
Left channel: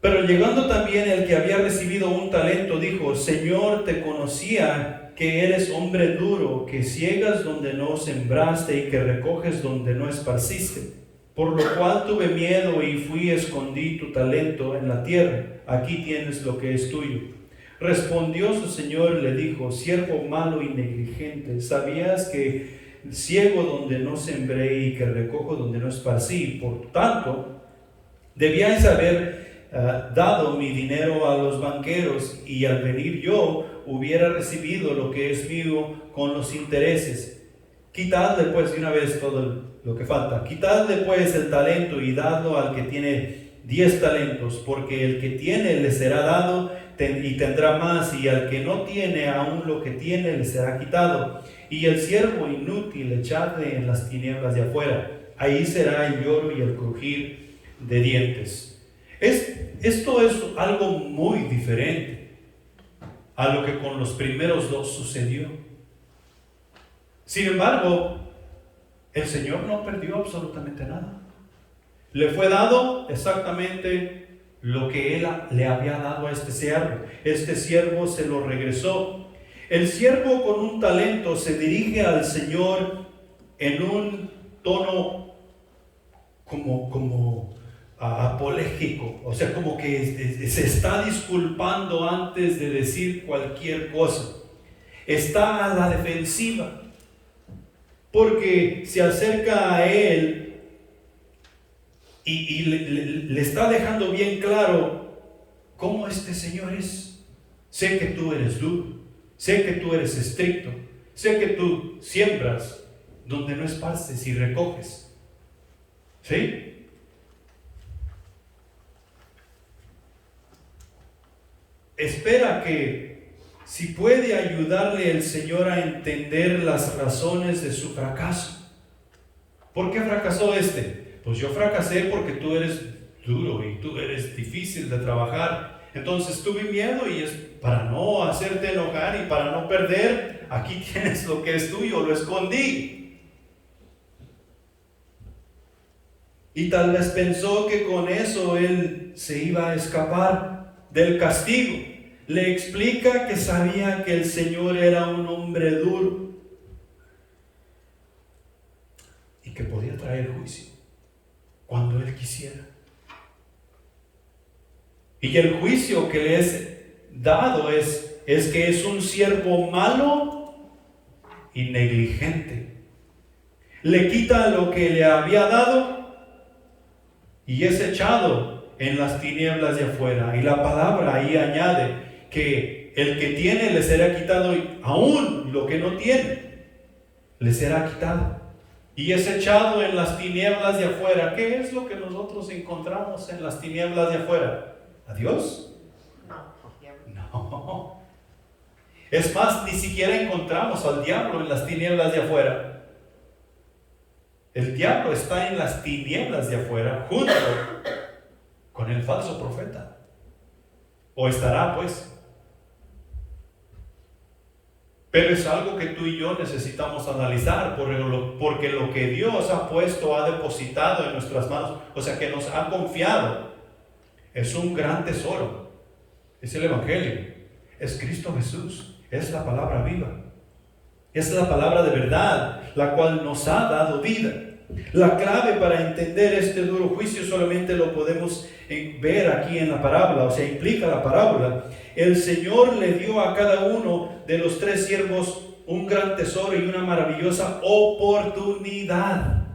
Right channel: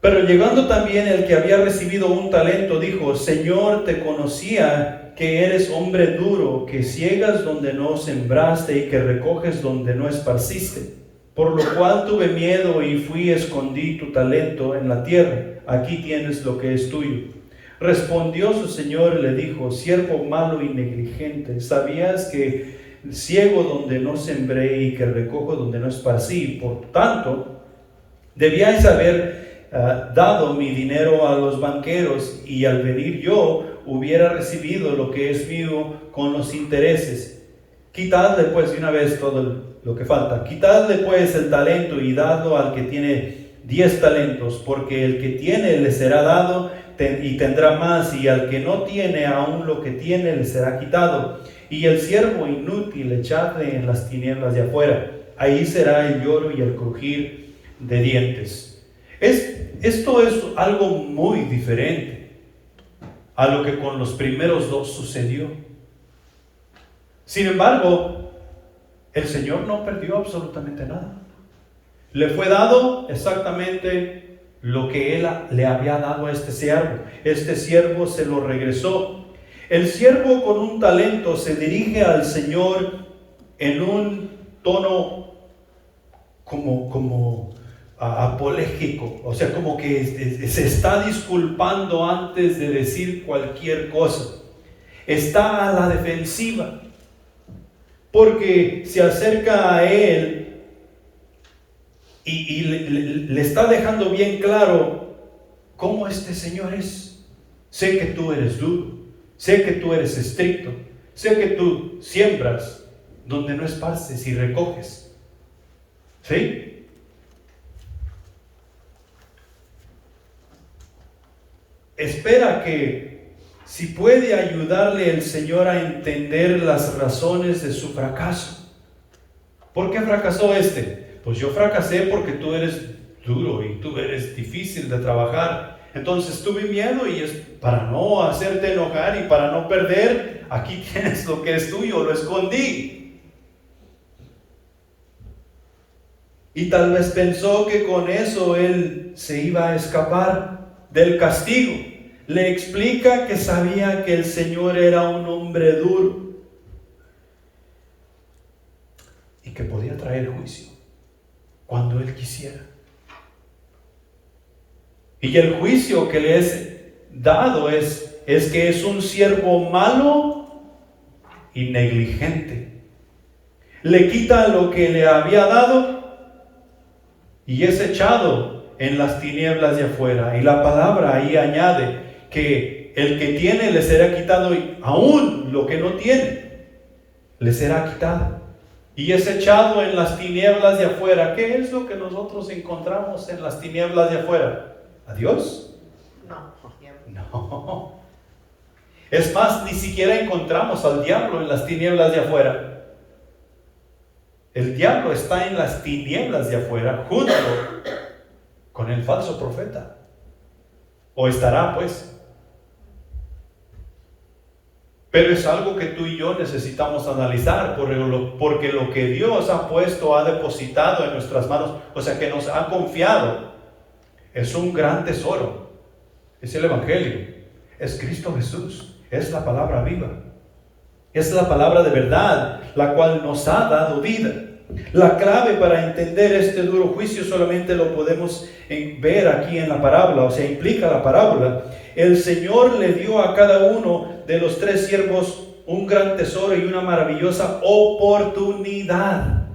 Pero llegando también el que había recibido un talento, dijo, Señor, te conocía que eres hombre duro, que ciegas donde no sembraste y que recoges donde no esparciste. Por lo cual tuve miedo y fui y escondí tu talento en la tierra. Aquí tienes lo que es tuyo. Respondió su señor y le dijo, siervo malo y negligente, ¿sabías que ciego donde no sembré y que recojo donde no esparcí? Por tanto, debíais haber dado mi dinero a los banqueros, y al venir yo hubiera recibido lo que es mío con los intereses. Quitadle pues de una vez todo lo que falta. Quitadle pues el talento y dadlo al que tiene 10 talentos, porque el que tiene le será dado y tendrá más, y al que no tiene aún lo que tiene le será quitado. Y el siervo inútil echadle en las tinieblas de afuera. Ahí será el lloro y el crujir de dientes. Esto es algo muy diferente a lo que con los primeros dos sucedió. Sin embargo, el Señor no perdió absolutamente nada. Le fue dado exactamente lo que Él le había dado a este siervo. Este siervo se lo regresó. El siervo con un talento se dirige al Señor en un tono como apológico, o sea, como que se está disculpando antes de decir cualquier cosa. Está a la defensiva. porque se acerca a él y le está dejando bien claro cómo este Señor es. Sé que tú eres duro, sé que tú eres estricto, sé que tú siembras donde no esparces y recoges. ¿Sí? Espera que si puede ayudarle el Señor a entender las razones de su fracaso. ¿Por qué fracasó este? Pues yo fracasé porque tú eres duro y tú eres difícil de trabajar. Entonces tuve miedo y es para no hacerte enojar y para no perder, aquí tienes lo que es tuyo, lo escondí. Y tal vez pensó que con eso él se iba a escapar del castigo. Le explica que sabía que el Señor era un hombre duro y que podía traer juicio cuando él quisiera. Y el juicio que le es dado es que es un siervo malo y negligente. Le quita lo que le había dado y es echado en las tinieblas de afuera. Y la palabra ahí añade que el que tiene le será quitado, y aún lo que no tiene le será quitado. Y es echado en las tinieblas de afuera. ¿Qué es lo que nosotros encontramos en las tinieblas de afuera? ¿A Dios? No. Es más, ni siquiera encontramos al diablo en las tinieblas de afuera. El diablo está en las tinieblas de afuera junto con el falso profeta. O estará, pues. Pero es algo que tú y yo necesitamos analizar, porque lo que Dios ha puesto, ha depositado en nuestras manos, o sea, que nos ha confiado, es un gran tesoro. Es el Evangelio, es Cristo Jesús, es la palabra viva, es la palabra de verdad, la cual nos ha dado vida. La clave para entender este duro juicio solamente lo podemos ver aquí en la parábola, o sea, implica la parábola. El Señor le dio a cada uno de los tres siervos un gran tesoro y una maravillosa oportunidad.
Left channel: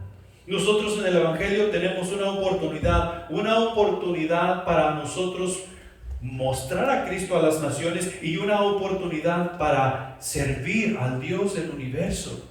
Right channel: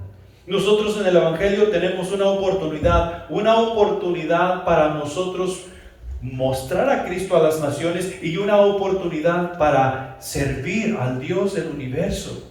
Nosotros en el Evangelio tenemos una oportunidad para nosotros mostrar a Cristo a las naciones y una oportunidad para servir al Dios del universo.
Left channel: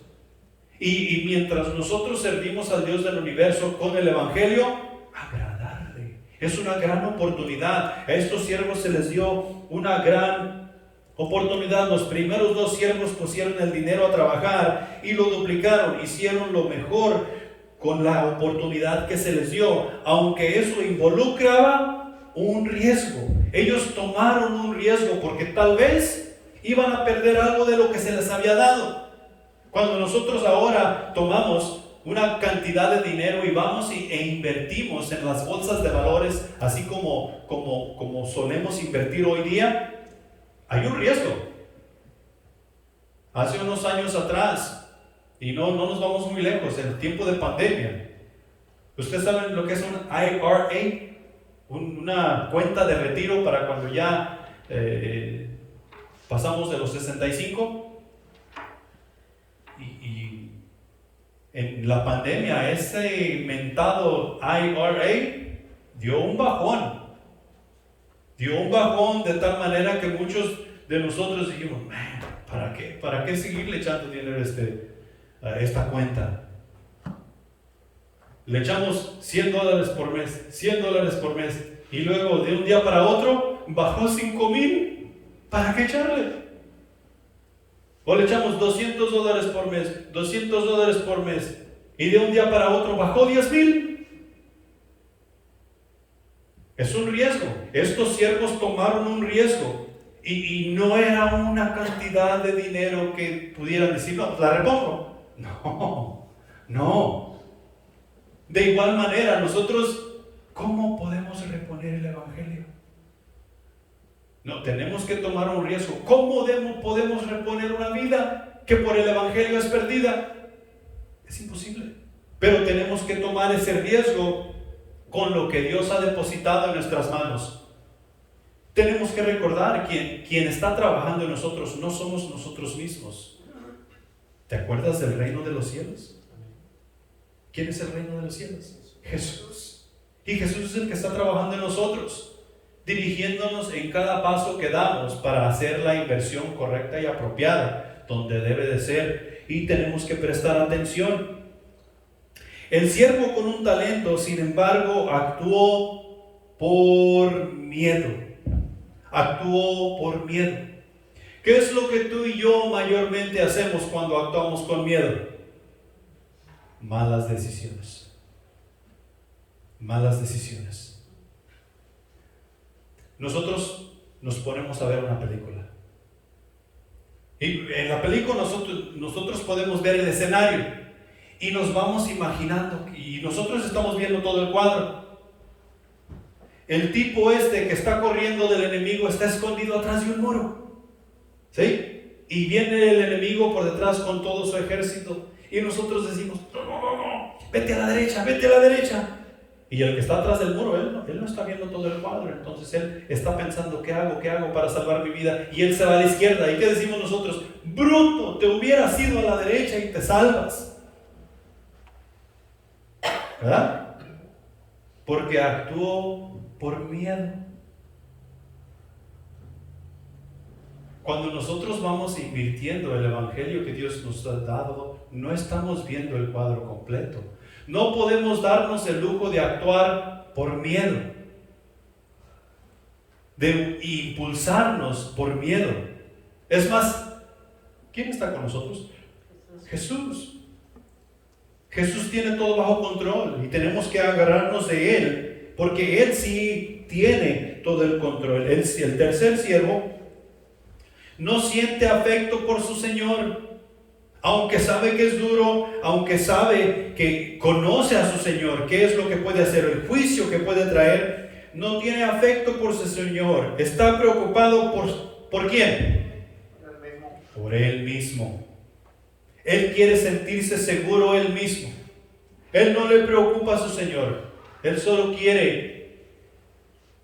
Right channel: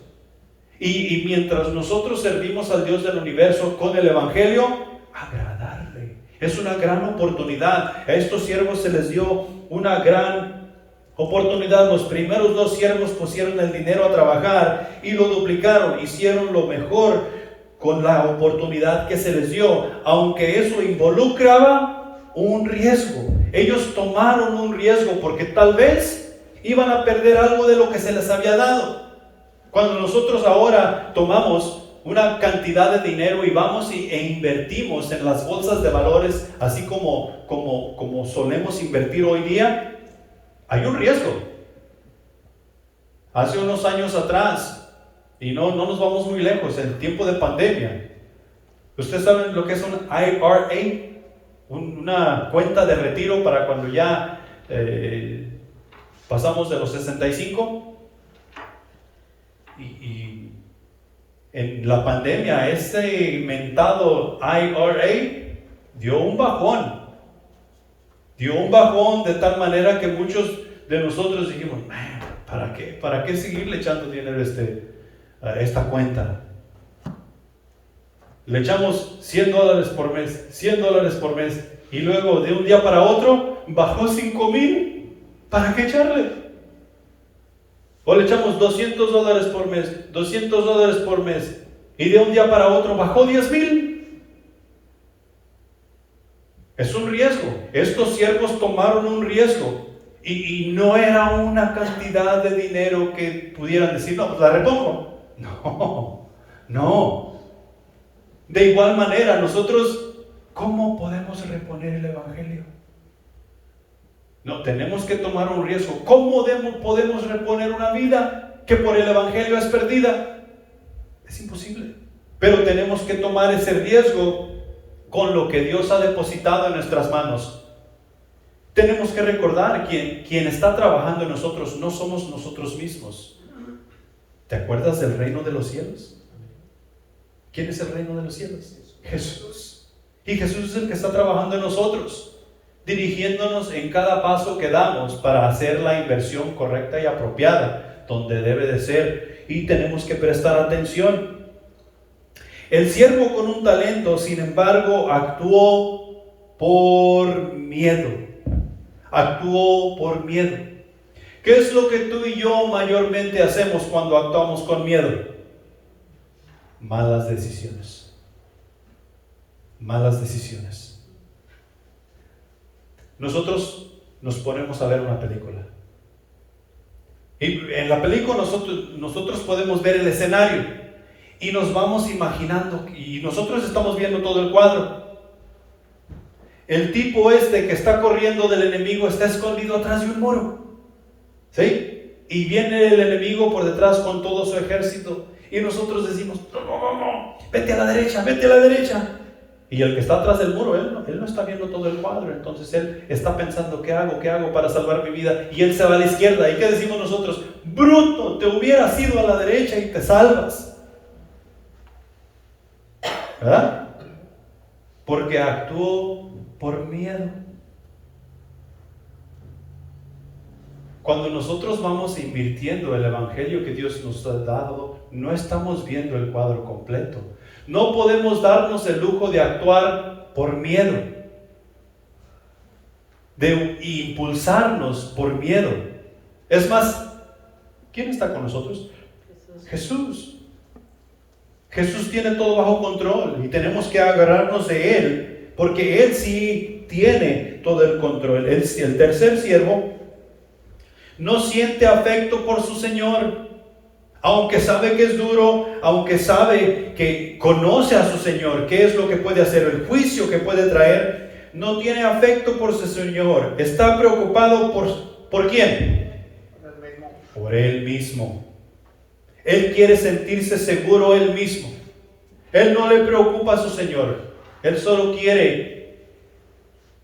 Y mientras nosotros servimos al Dios del universo con el Evangelio, agradarle. Es una gran oportunidad. A estos siervos se les dio una gran oportunidad. Los primeros dos siervos pusieron el dinero a trabajar y lo duplicaron, hicieron lo mejor con la oportunidad que se les dio, aunque eso involucraba un riesgo. Ellos tomaron un riesgo porque tal vez iban a perder algo de lo que se les había dado. Cuando nosotros ahora tomamos una cantidad de dinero y vamos e invertimos en las bolsas de valores, así como solemos invertir hoy día, hay un riesgo. Hace unos años atrás, y no nos vamos muy lejos, en el tiempo de pandemia, ¿ustedes saben lo que es un IRA? Una cuenta de retiro para cuando ya pasamos de los 65. Y en la pandemia, ese mentado IRA dio un bajón de tal manera que muchos de nosotros dijimos, ¿para qué seguirle echando dinero a esta cuenta? Le echamos $100 por mes, $100 por mes, y luego de un día para otro bajó 5,000. ¿Para qué echarle? O le echamos $200 por mes, $200 por mes, y de un día para otro bajó 10,000. Es un riesgo. Estos siervos tomaron un riesgo y no era una cantidad de dinero que pudieran decir, no, pues la repongo. No. De igual manera, nosotros, ¿cómo podemos reponer el Evangelio? No, tenemos que tomar un riesgo. ¿Cómo podemos reponer una vida que por el Evangelio es perdida? Es imposible. Pero tenemos que tomar ese riesgo con lo que Dios ha depositado en nuestras manos. Tenemos que recordar que quien está trabajando en nosotros no somos nosotros mismos. ¿Te acuerdas del reino de los cielos? ¿Quién es el reino de los cielos? Jesús. Y Jesús es el que está trabajando en nosotros, dirigiéndonos en cada paso que damos para hacer la inversión correcta y apropiada, donde debe de ser. Y tenemos que prestar atención. El siervo con un talento, sin embargo, actuó por miedo. Actuó por miedo. ¿Qué es lo que tú y yo mayormente hacemos cuando actuamos con miedo? Malas decisiones. Malas decisiones. Nosotros nos ponemos a ver una película. Y en la película nosotros podemos ver el escenario y nos vamos imaginando, y nosotros estamos viendo todo el cuadro. El tipo que está corriendo del enemigo está escondido atrás de un muro, ¿sí? Y viene el enemigo por detrás con todo su ejército y nosotros decimos, no, vete a la derecha, vete a la derecha. Y el que está atrás del muro, él no está viendo todo el cuadro. Entonces él está pensando, ¿qué hago para salvar mi vida? Y él se va a la izquierda. ¿Y qué decimos nosotros? Bruto, te hubieras ido a la derecha y te salvas. ¿Verdad? Porque actuó por miedo. Cuando nosotros vamos invirtiendo el evangelio que Dios nos ha dado, no estamos viendo el cuadro completo. No podemos darnos el lujo de actuar por miedo, de impulsarnos por miedo. Es más, ¿quién está con nosotros? Jesús. Jesús tiene todo bajo control y tenemos que agarrarnos de Él, porque Él sí tiene todo el control. El tercer siervo no siente afecto por su Señor. Aunque sabe que es duro, aunque sabe que conoce a su Señor, qué es lo que puede hacer, el juicio que puede traer, no tiene afecto por su Señor. Está preocupado ¿por quién? Por Él mismo. Él quiere sentirse seguro Él mismo. Él no le preocupa a su Señor. Él solo quiere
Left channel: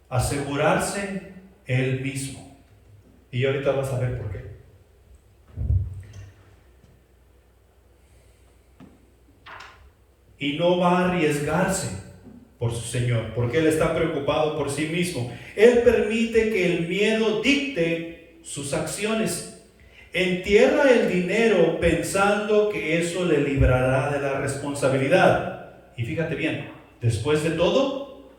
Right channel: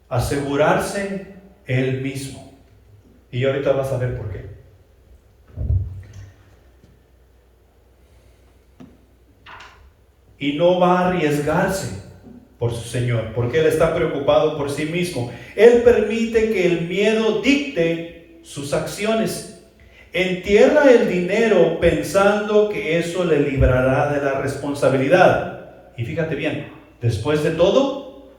asegurarse Él mismo. Y ahorita vas a ver por qué. Y no va a arriesgarse por su Señor, porque Él está preocupado por sí mismo. Él permite que el miedo dicte sus acciones. Entierra el dinero pensando que eso le librará de la responsabilidad. Y fíjate bien, después de todo,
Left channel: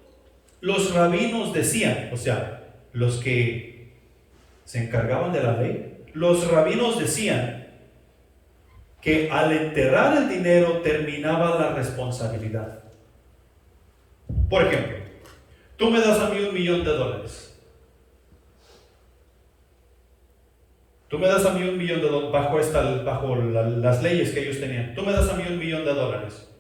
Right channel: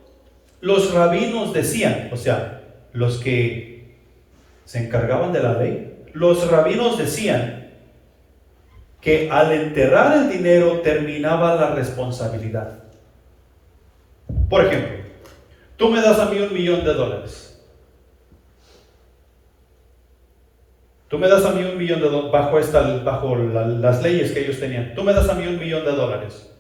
los rabinos decían, o sea, los que se encargaban de la ley, los rabinos decían que al enterrar el dinero terminaba la responsabilidad. Por ejemplo, tú me das a mí $1,000,000. Tú me das a mí $1,000,000 bajo las leyes que ellos tenían. Tú me das a mí $1,000,000.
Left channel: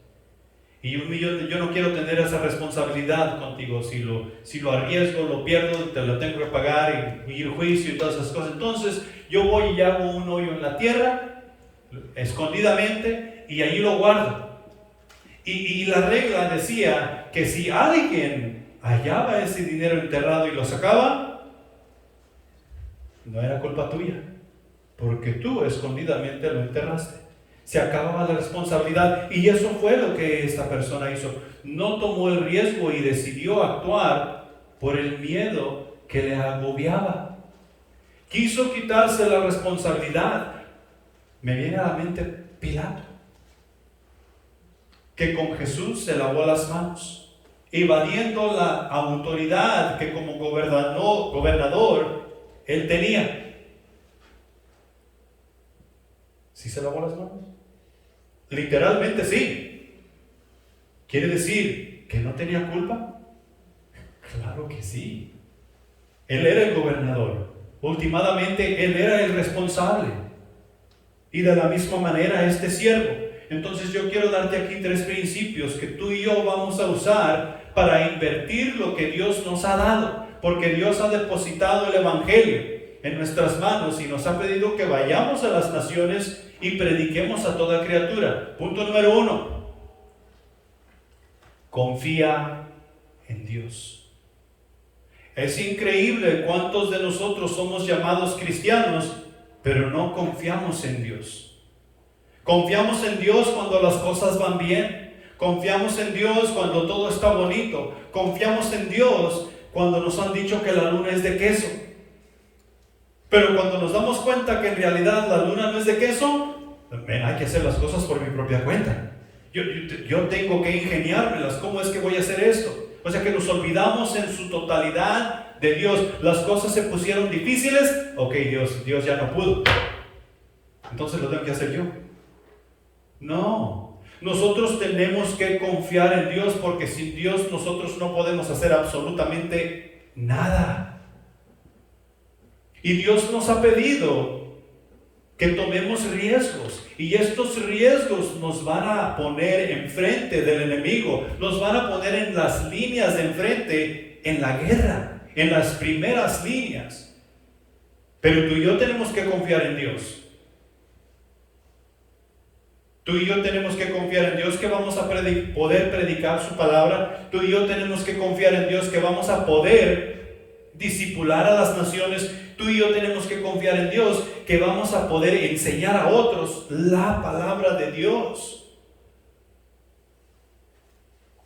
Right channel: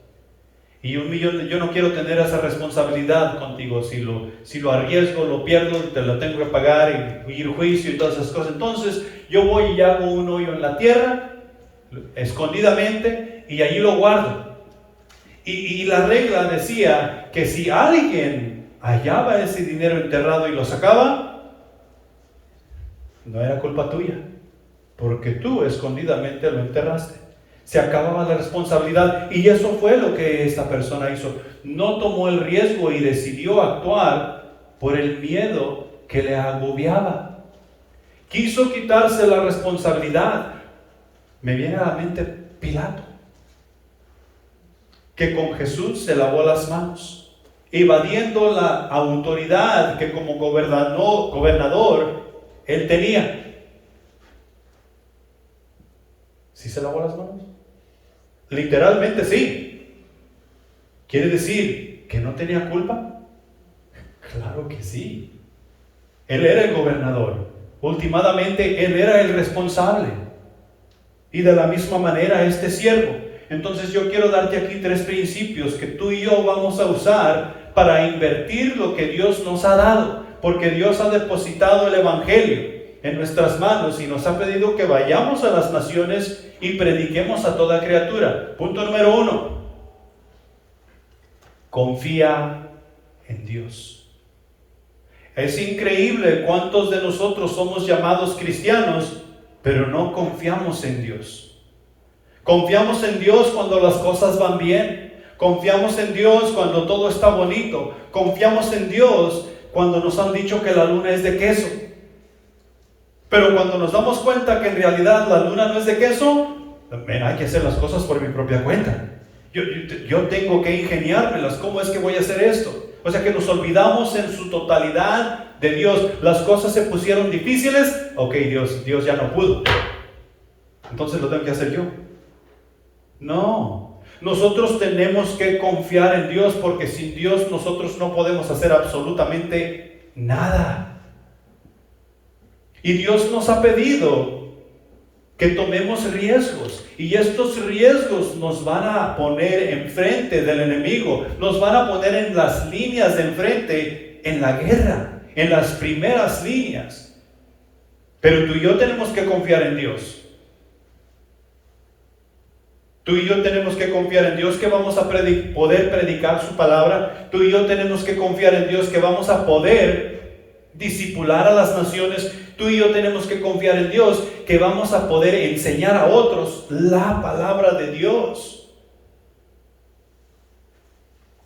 Y $1,000,000, yo no quiero tener esa responsabilidad contigo. Si lo arriesgo, lo pierdo, te lo tengo que pagar y ir a juicio y todas esas cosas. Entonces yo voy y hago un hoyo en la tierra, escondidamente, y allí lo guardo. Y la regla decía que si alguien hallaba ese dinero enterrado y lo sacaba, no era culpa tuya, porque tú escondidamente lo enterraste. Se acababa la responsabilidad, y eso fue lo que esta persona hizo. No tomó el riesgo y decidió actuar por el miedo que le agobiaba. Quiso quitarse la responsabilidad. Me viene a la mente Pilato, que con Jesús se lavó las manos, evadiendo la autoridad que como gobernador él tenía. ¿Sí se lavó las manos? Literalmente sí. ¿Quiere decir que no tenía culpa? Claro que sí. Él era el gobernador. Últimamente él era el responsable. Y de la misma manera este siervo. Entonces yo quiero darte aquí 3 principios que tú y yo vamos a usar para invertir lo que Dios nos ha dado. Porque Dios ha depositado el evangelio en nuestras manos y nos ha pedido que vayamos a las naciones y prediquemos a toda criatura. Punto número 1. Confía en Dios. Es increíble cuántos de nosotros somos llamados cristianos, pero no confiamos en Dios. Confiamos en Dios cuando las cosas van bien. Confiamos en Dios cuando todo está bonito. Confiamos en Dios cuando nos han dicho que la luna es de queso. Pero cuando nos damos cuenta que en realidad la luna no es de queso, hay que hacer las cosas por mi propia cuenta. Yo tengo que ingeniármelas. ¿Cómo es que voy a hacer esto? O sea que nos olvidamos en su totalidad de Dios. Las cosas se pusieron difíciles. Ok, Dios ya no pudo. Entonces lo tengo que hacer yo. No. Nosotros tenemos que confiar en Dios, porque sin Dios nosotros no podemos hacer absolutamente nada. Y Dios nos ha pedido que tomemos riesgos, y estos riesgos nos van a poner enfrente del enemigo, nos van a poner en las líneas de enfrente, en la guerra, en las primeras líneas. Pero tú y yo tenemos que confiar en Dios. Tú y yo tenemos que confiar en Dios que vamos a poder predicar su palabra. Tú y yo tenemos que confiar en Dios que vamos a poder discipular a las naciones. Tú y yo tenemos que confiar en Dios que vamos a poder enseñar a otros la palabra de Dios.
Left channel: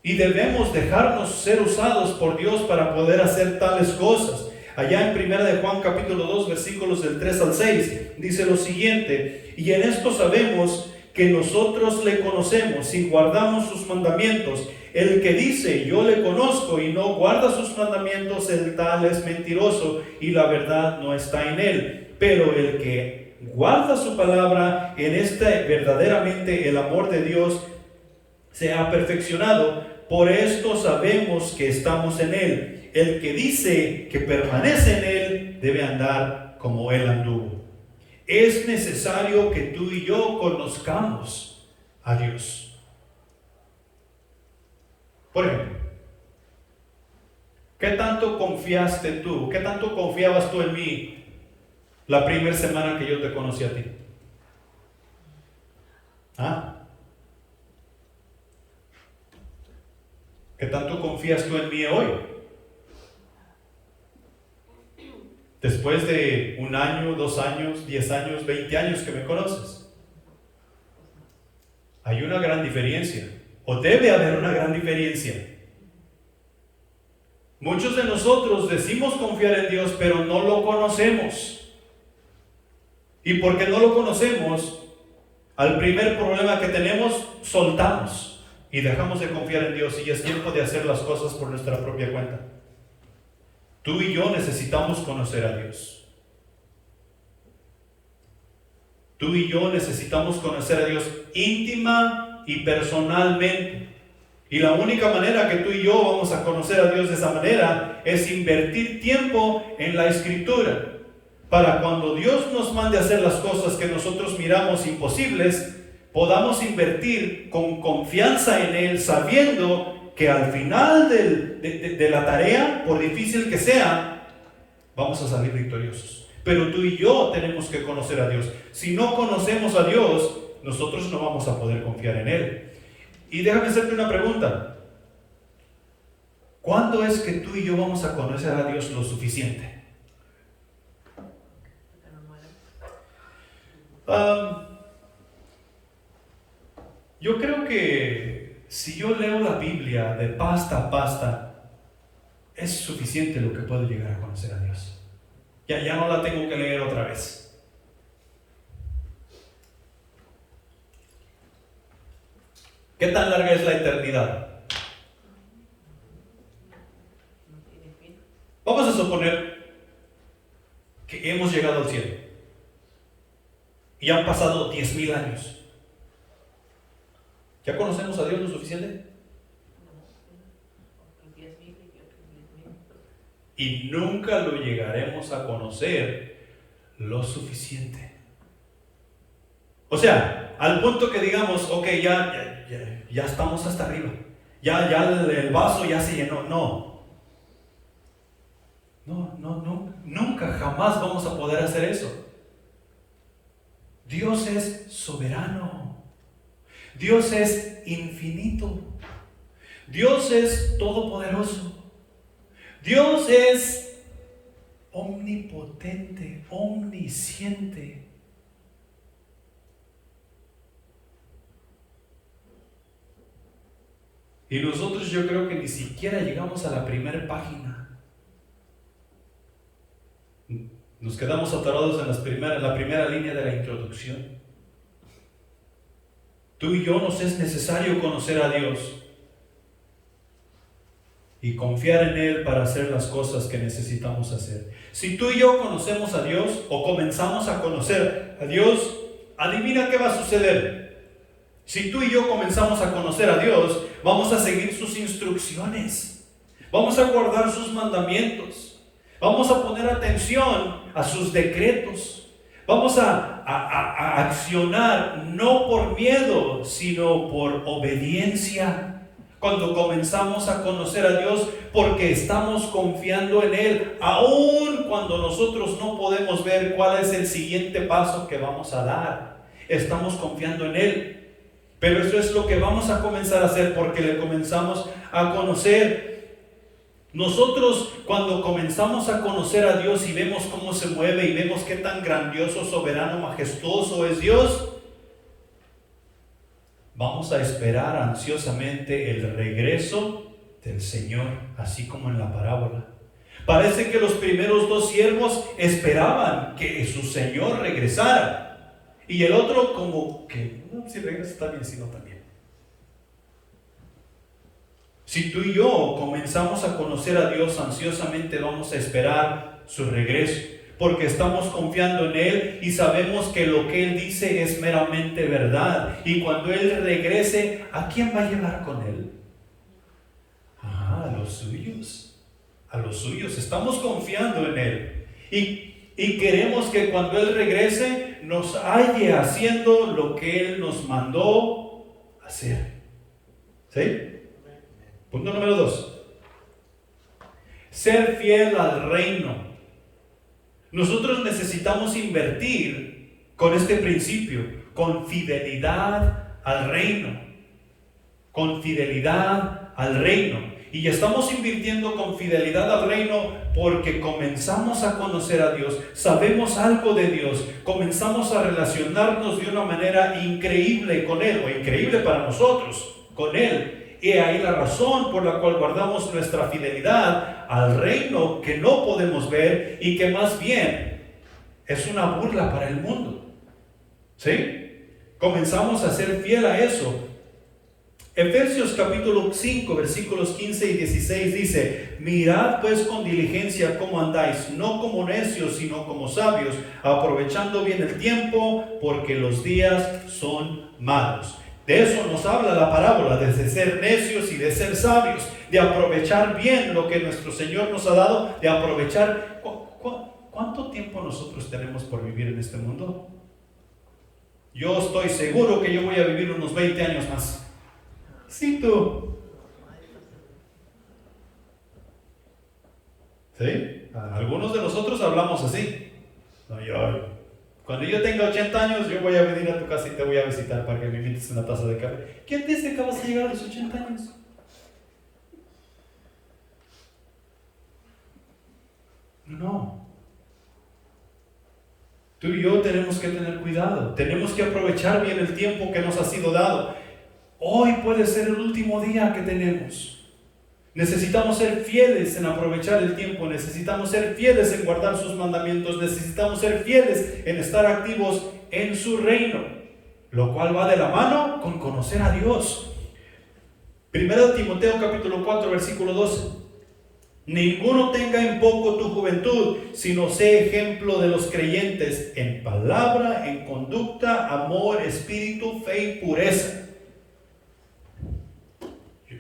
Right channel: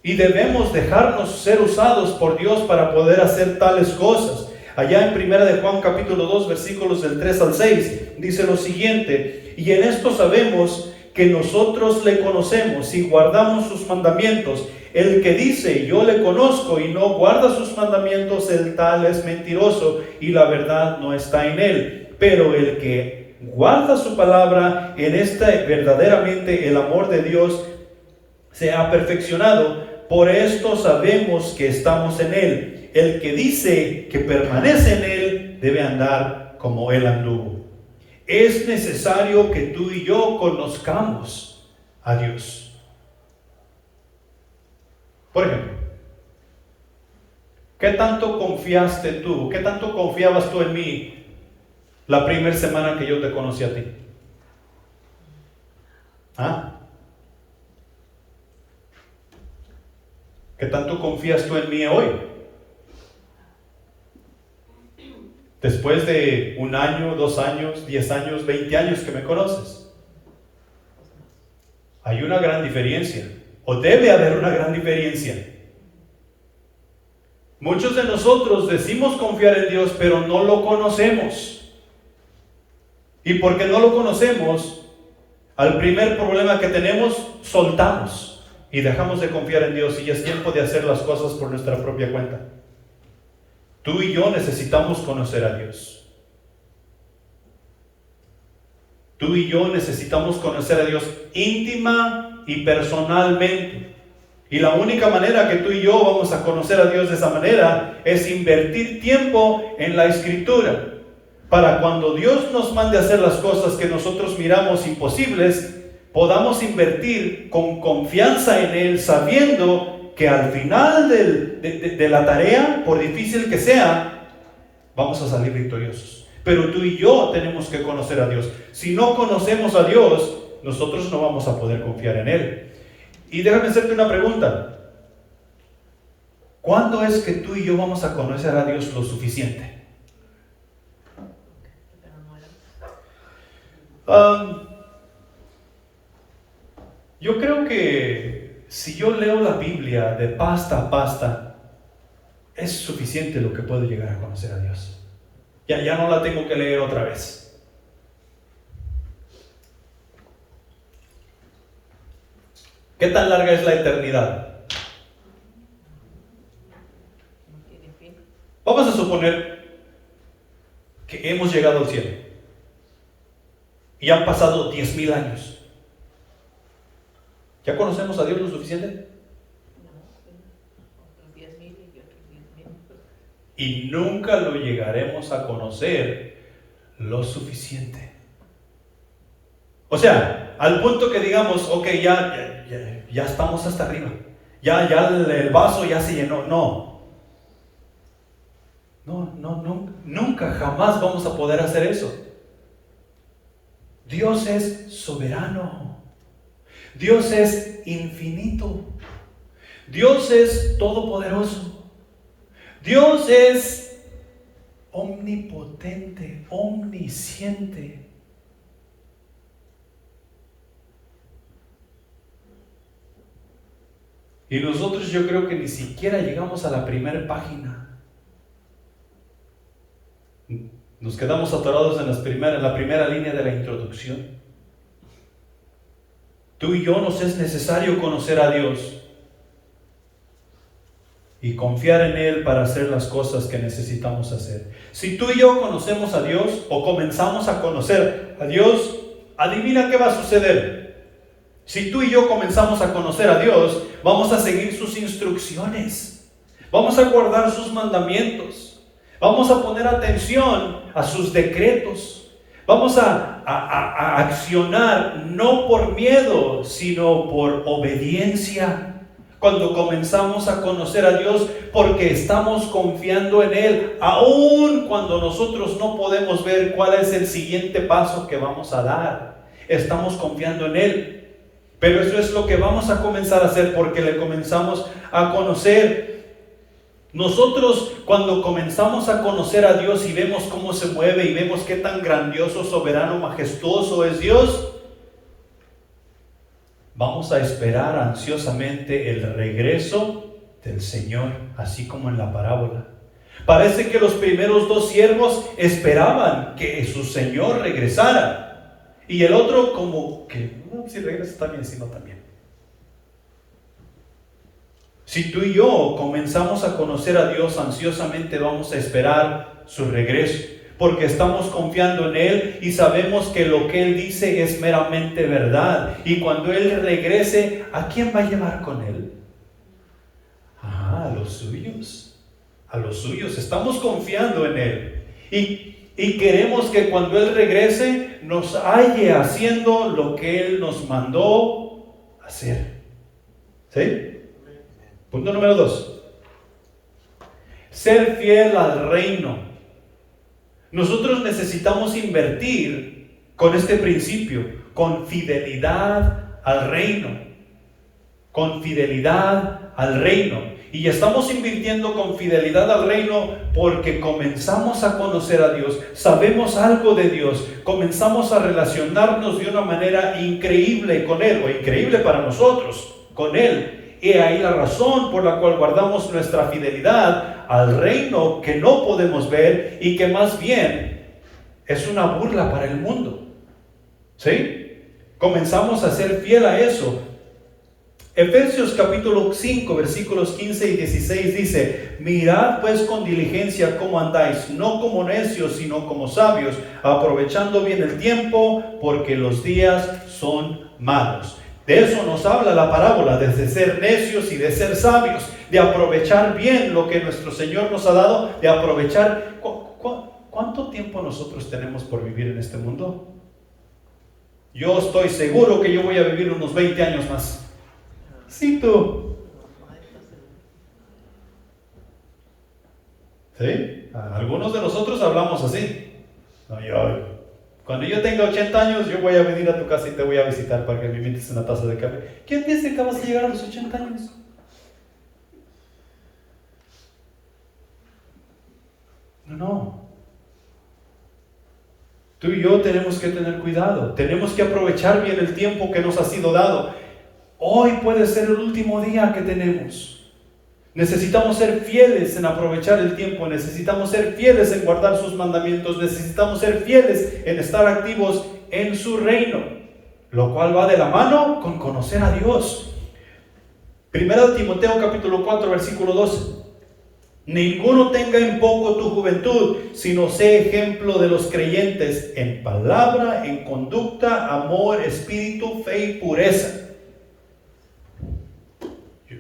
Y debemos dejarnos ser usados por Dios para poder hacer tales cosas. Allá en 1 de Juan capítulo 2 versículos del 3 al 6 dice lo siguiente: y en esto sabemos que nosotros le conocemos y guardamos sus mandamientos. El que dice yo le conozco y no guarda sus mandamientos, el tal es mentiroso y la verdad no está en él. Pero el que guarda su palabra, en este verdaderamente el amor de Dios se ha perfeccionado. Por esto sabemos que estamos en él. El que dice que permanece en él debe andar como él anduvo. Es necesario que tú y yo conozcamos a Dios. Por ejemplo, ¿qué tanto confiaste tú? ¿Qué tanto confiabas tú en mí la primera semana que yo te conocí a ti? ¿Ah? ¿Qué tanto confías tú en mí hoy? Después de 1 año, 2 años, 10 años, 20 años que me conoces. Hay una gran diferencia, o debe haber una gran diferencia. Muchos de nosotros decimos confiar en Dios, pero no lo conocemos. Y porque no lo conocemos, al primer problema que tenemos, soltamos y dejamos de confiar en Dios, y es tiempo de hacer las cosas por nuestra propia cuenta. Tú y yo necesitamos conocer a Dios. Tú y yo necesitamos conocer a Dios íntima y personalmente. Y la única manera que tú y yo vamos a conocer a Dios de esa manera es invertir tiempo en la Escritura. Para cuando Dios nos mande a hacer las cosas que nosotros miramos imposibles, podamos invertir con confianza en Él, sabiendo que al final de la tarea, por difícil que sea, vamos a salir victoriosos. Pero tú y yo tenemos que conocer a Dios. Si no conocemos a Dios, nosotros no vamos a poder confiar en Él. Y déjame hacerte una pregunta. ¿Cuándo es que tú y yo vamos a conocer a Dios lo suficiente? Yo creo que si yo leo la Biblia de pasta a pasta, es suficiente lo que puedo llegar a conocer a Dios. Ya no la tengo que leer otra vez. ¿Qué tan larga es la eternidad? Vamos a suponer que hemos llegado al cielo y han pasado 10,000 años. ¿Ya conocemos a Dios lo suficiente? Y nunca lo llegaremos a conocer lo suficiente. O sea, al punto que digamos, ok, ya estamos hasta arriba. Ya el vaso ya se llenó. No, nunca, jamás vamos a poder hacer eso. Dios es soberano. Dios es infinito. Dios es todopoderoso. Dios es omnipotente, omnisciente. Y nosotros yo creo que ni siquiera llegamos a la primera página. Nos quedamos atorados en la primera línea de la introducción. Tú y yo nos es necesario conocer a Dios y confiar en Él para hacer las cosas que necesitamos hacer. Si tú y yo conocemos a Dios o comenzamos a conocer a Dios, adivina qué va a suceder. Si tú y yo comenzamos a conocer a Dios, vamos a seguir sus instrucciones, vamos a guardar sus mandamientos, vamos a poner atención a sus decretos, vamos a accionar no por miedo, sino por obediencia. Cuando comenzamos a conocer a Dios, porque estamos confiando en Él, aun cuando nosotros no podemos ver cuál es el siguiente paso que vamos a dar, estamos confiando en Él. Pero eso es lo que vamos a comenzar a hacer porque le comenzamos a conocer. Nosotros cuando comenzamos a conocer a Dios y vemos cómo se mueve y vemos qué tan grandioso, soberano, majestuoso es Dios, vamos a esperar ansiosamente el regreso del Señor, así como en la parábola. Parece que los primeros dos siervos esperaban que su Señor regresara. Y el otro como que, si regresa también, si no también. Si tú y yo comenzamos a conocer a Dios ansiosamente, vamos a esperar su regreso, porque estamos confiando en Él y sabemos que lo que Él dice es meramente verdad. Y cuando Él regrese, ¿a quién va a llevar con Él? A los suyos. A los suyos. Estamos confiando en Él. Y queremos que cuando Él regrese nos halle haciendo lo que Él nos mandó hacer. ¿Sí? Punto número 2. Ser fiel al reino. Nosotros necesitamos invertir con este principio, con fidelidad al reino. Con fidelidad al reino. Y estamos invirtiendo con fidelidad al reino porque comenzamos a conocer a Dios, sabemos algo de Dios, comenzamos a relacionarnos de una manera increíble con Él, o increíble para nosotros, con Él. Y ahí la razón por la cual guardamos nuestra fidelidad al reino que no podemos ver y que más bien es una burla para el mundo. ¿Sí? Comenzamos a ser fiel a eso. Efesios capítulo 5 versículos 15 y 16 dice: mirad pues con diligencia cómo andáis, no como necios sino como sabios, aprovechando bien el tiempo, porque los días son malos. De eso nos habla la parábola, de ser necios y de ser sabios, de aprovechar bien lo que nuestro Señor nos ha dado, de aprovechar. ¿Cuánto tiempo nosotros tenemos por vivir en este mundo? Yo estoy seguro que yo voy a vivir unos 20 años más. Sí, tú. ¿Sí? Algunos de nosotros hablamos así. Cuando yo tenga 80 años, yo voy a venir a tu casa y te voy a visitar para que me invites una taza de café. ¿Quién dice que vas a llegar a los 80 años? No. Tú y yo tenemos que tener cuidado. Tenemos que aprovechar bien el tiempo que nos ha sido dado. Hoy puede ser el último día que tenemos. Necesitamos ser fieles en aprovechar el tiempo. Necesitamos ser fieles en guardar sus mandamientos. Necesitamos ser fieles en estar activos en su reino. Lo cual va de la mano con conocer a Dios. Primero de Timoteo capítulo 4 versículo 12. Ninguno tenga en poco tu juventud, sino sé ejemplo de los creyentes en palabra, en conducta, amor, espíritu, fe y pureza.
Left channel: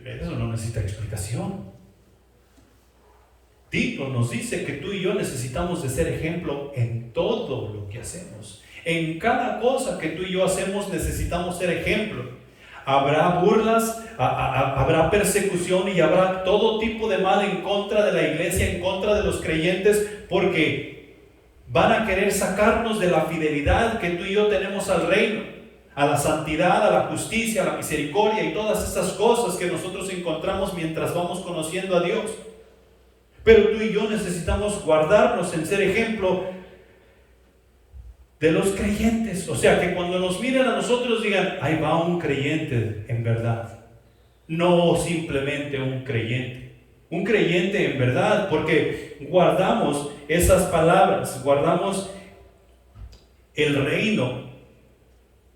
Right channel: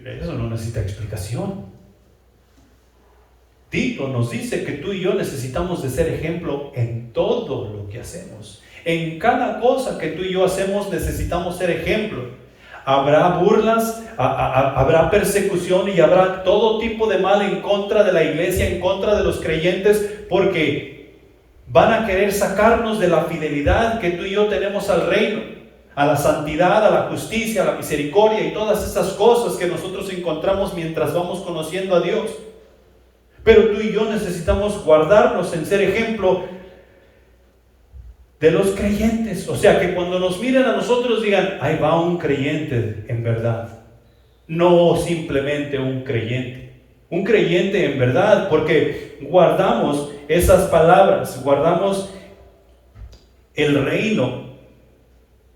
Eso no necesita explicación. Tito nos dice que tú y yo necesitamos de ser ejemplo en todo lo que hacemos. En cada cosa que tú y yo hacemos necesitamos ser ejemplo. Habrá burlas, habrá persecución y habrá todo tipo de mal en contra de la iglesia, en contra de los creyentes, porque van a querer sacarnos de la fidelidad que tú y yo tenemos al reino, a la santidad, a la justicia, a la misericordia y todas estas cosas que nosotros encontramos mientras vamos conociendo a Dios. Pero tú y yo necesitamos guardarnos en ser ejemplo de los creyentes. O sea, que cuando nos miren a nosotros digan: ahí va un creyente en verdad. no simplemente un creyente. Un creyente en verdad, porque guardamos esas palabras, guardamos el reino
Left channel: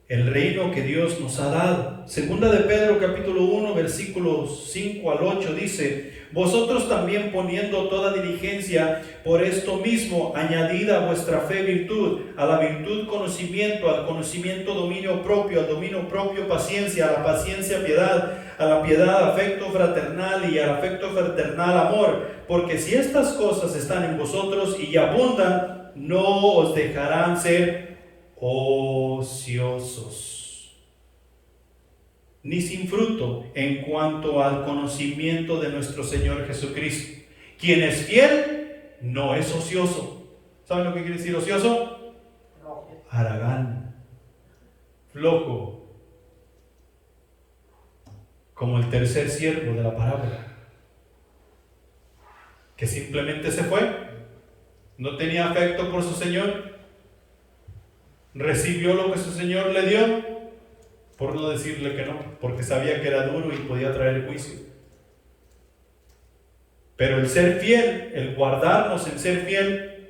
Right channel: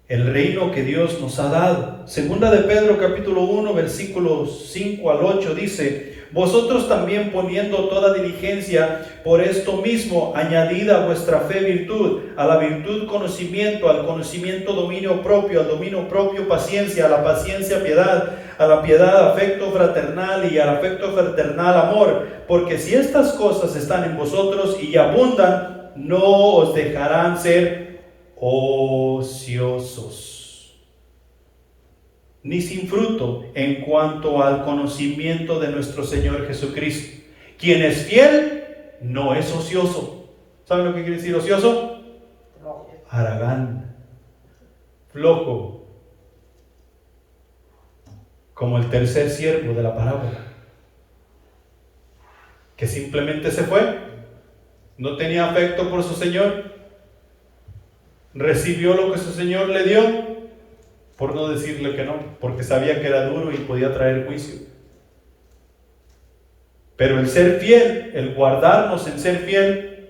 que Dios nos ha dado. Segunda de Pedro capítulo 1 versículos 5 al 8 dice: vosotros también, poniendo toda diligencia, por esto mismo añadid a vuestra fe virtud, a la virtud conocimiento, al conocimiento dominio propio, al dominio propio paciencia, a la paciencia piedad, a la piedad afecto fraternal, y al afecto fraternal amor, porque si estas cosas están en vosotros y abundan, no os dejarán ser ociosos, ni sin fruto en cuanto al conocimiento de nuestro Señor Jesucristo. Quien es fiel no es ocioso. ¿Saben lo que quiere decir ocioso? Haragán, flojo, como el tercer siervo de la parábola, que simplemente se fue, no tenía afecto por su Señor, recibió lo que su Señor le dio, por no decirle que no, porque sabía que era duro y podía traer juicio. Pero el ser fiel, el guardarnos en ser fiel,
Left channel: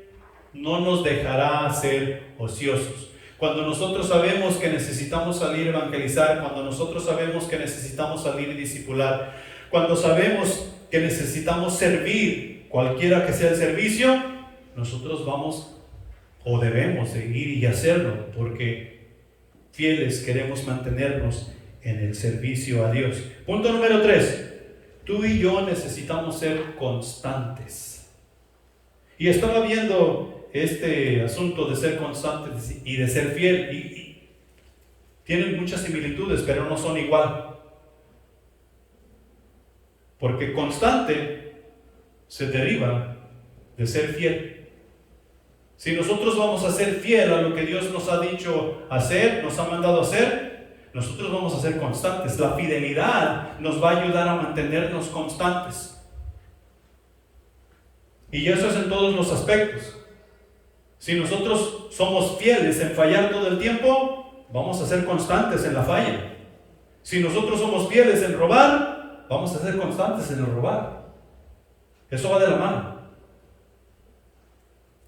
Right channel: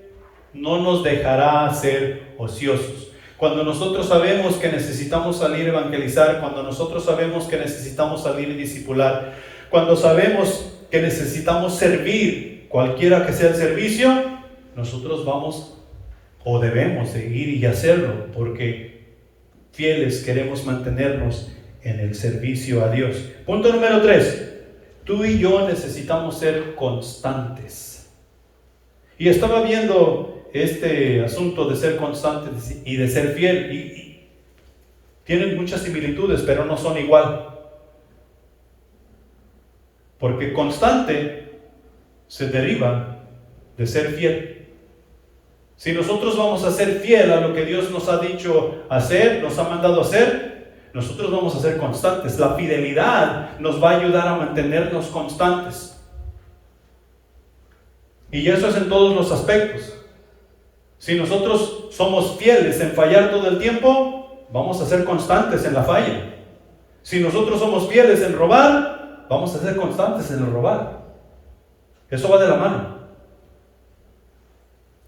no nos dejará ser ociosos. Cuando nosotros sabemos que necesitamos salir a evangelizar, cuando nosotros sabemos que necesitamos salir y discipular, cuando sabemos que necesitamos servir, cualquiera que sea el servicio, nosotros vamos o debemos de ir y hacerlo, porque fieles queremos mantenernos en el servicio a Dios. Punto número 3. Tú y yo necesitamos ser constantes. Y estaba viendo este asunto de ser constantes y de ser fiel, y tienen muchas similitudes, pero no son igual. Porque constante se deriva de ser fiel. Si nosotros vamos a ser fiel a lo que Dios nos ha dicho hacer, nos ha mandado hacer, nosotros vamos a ser constantes. La fidelidad nos va a ayudar a mantenernos constantes. Y eso es en todos los aspectos. Si nosotros somos fieles en fallar todo el tiempo, vamos a ser constantes en la falla. Si nosotros somos fieles en robar, vamos a ser constantes en el robar. Eso va de la mano.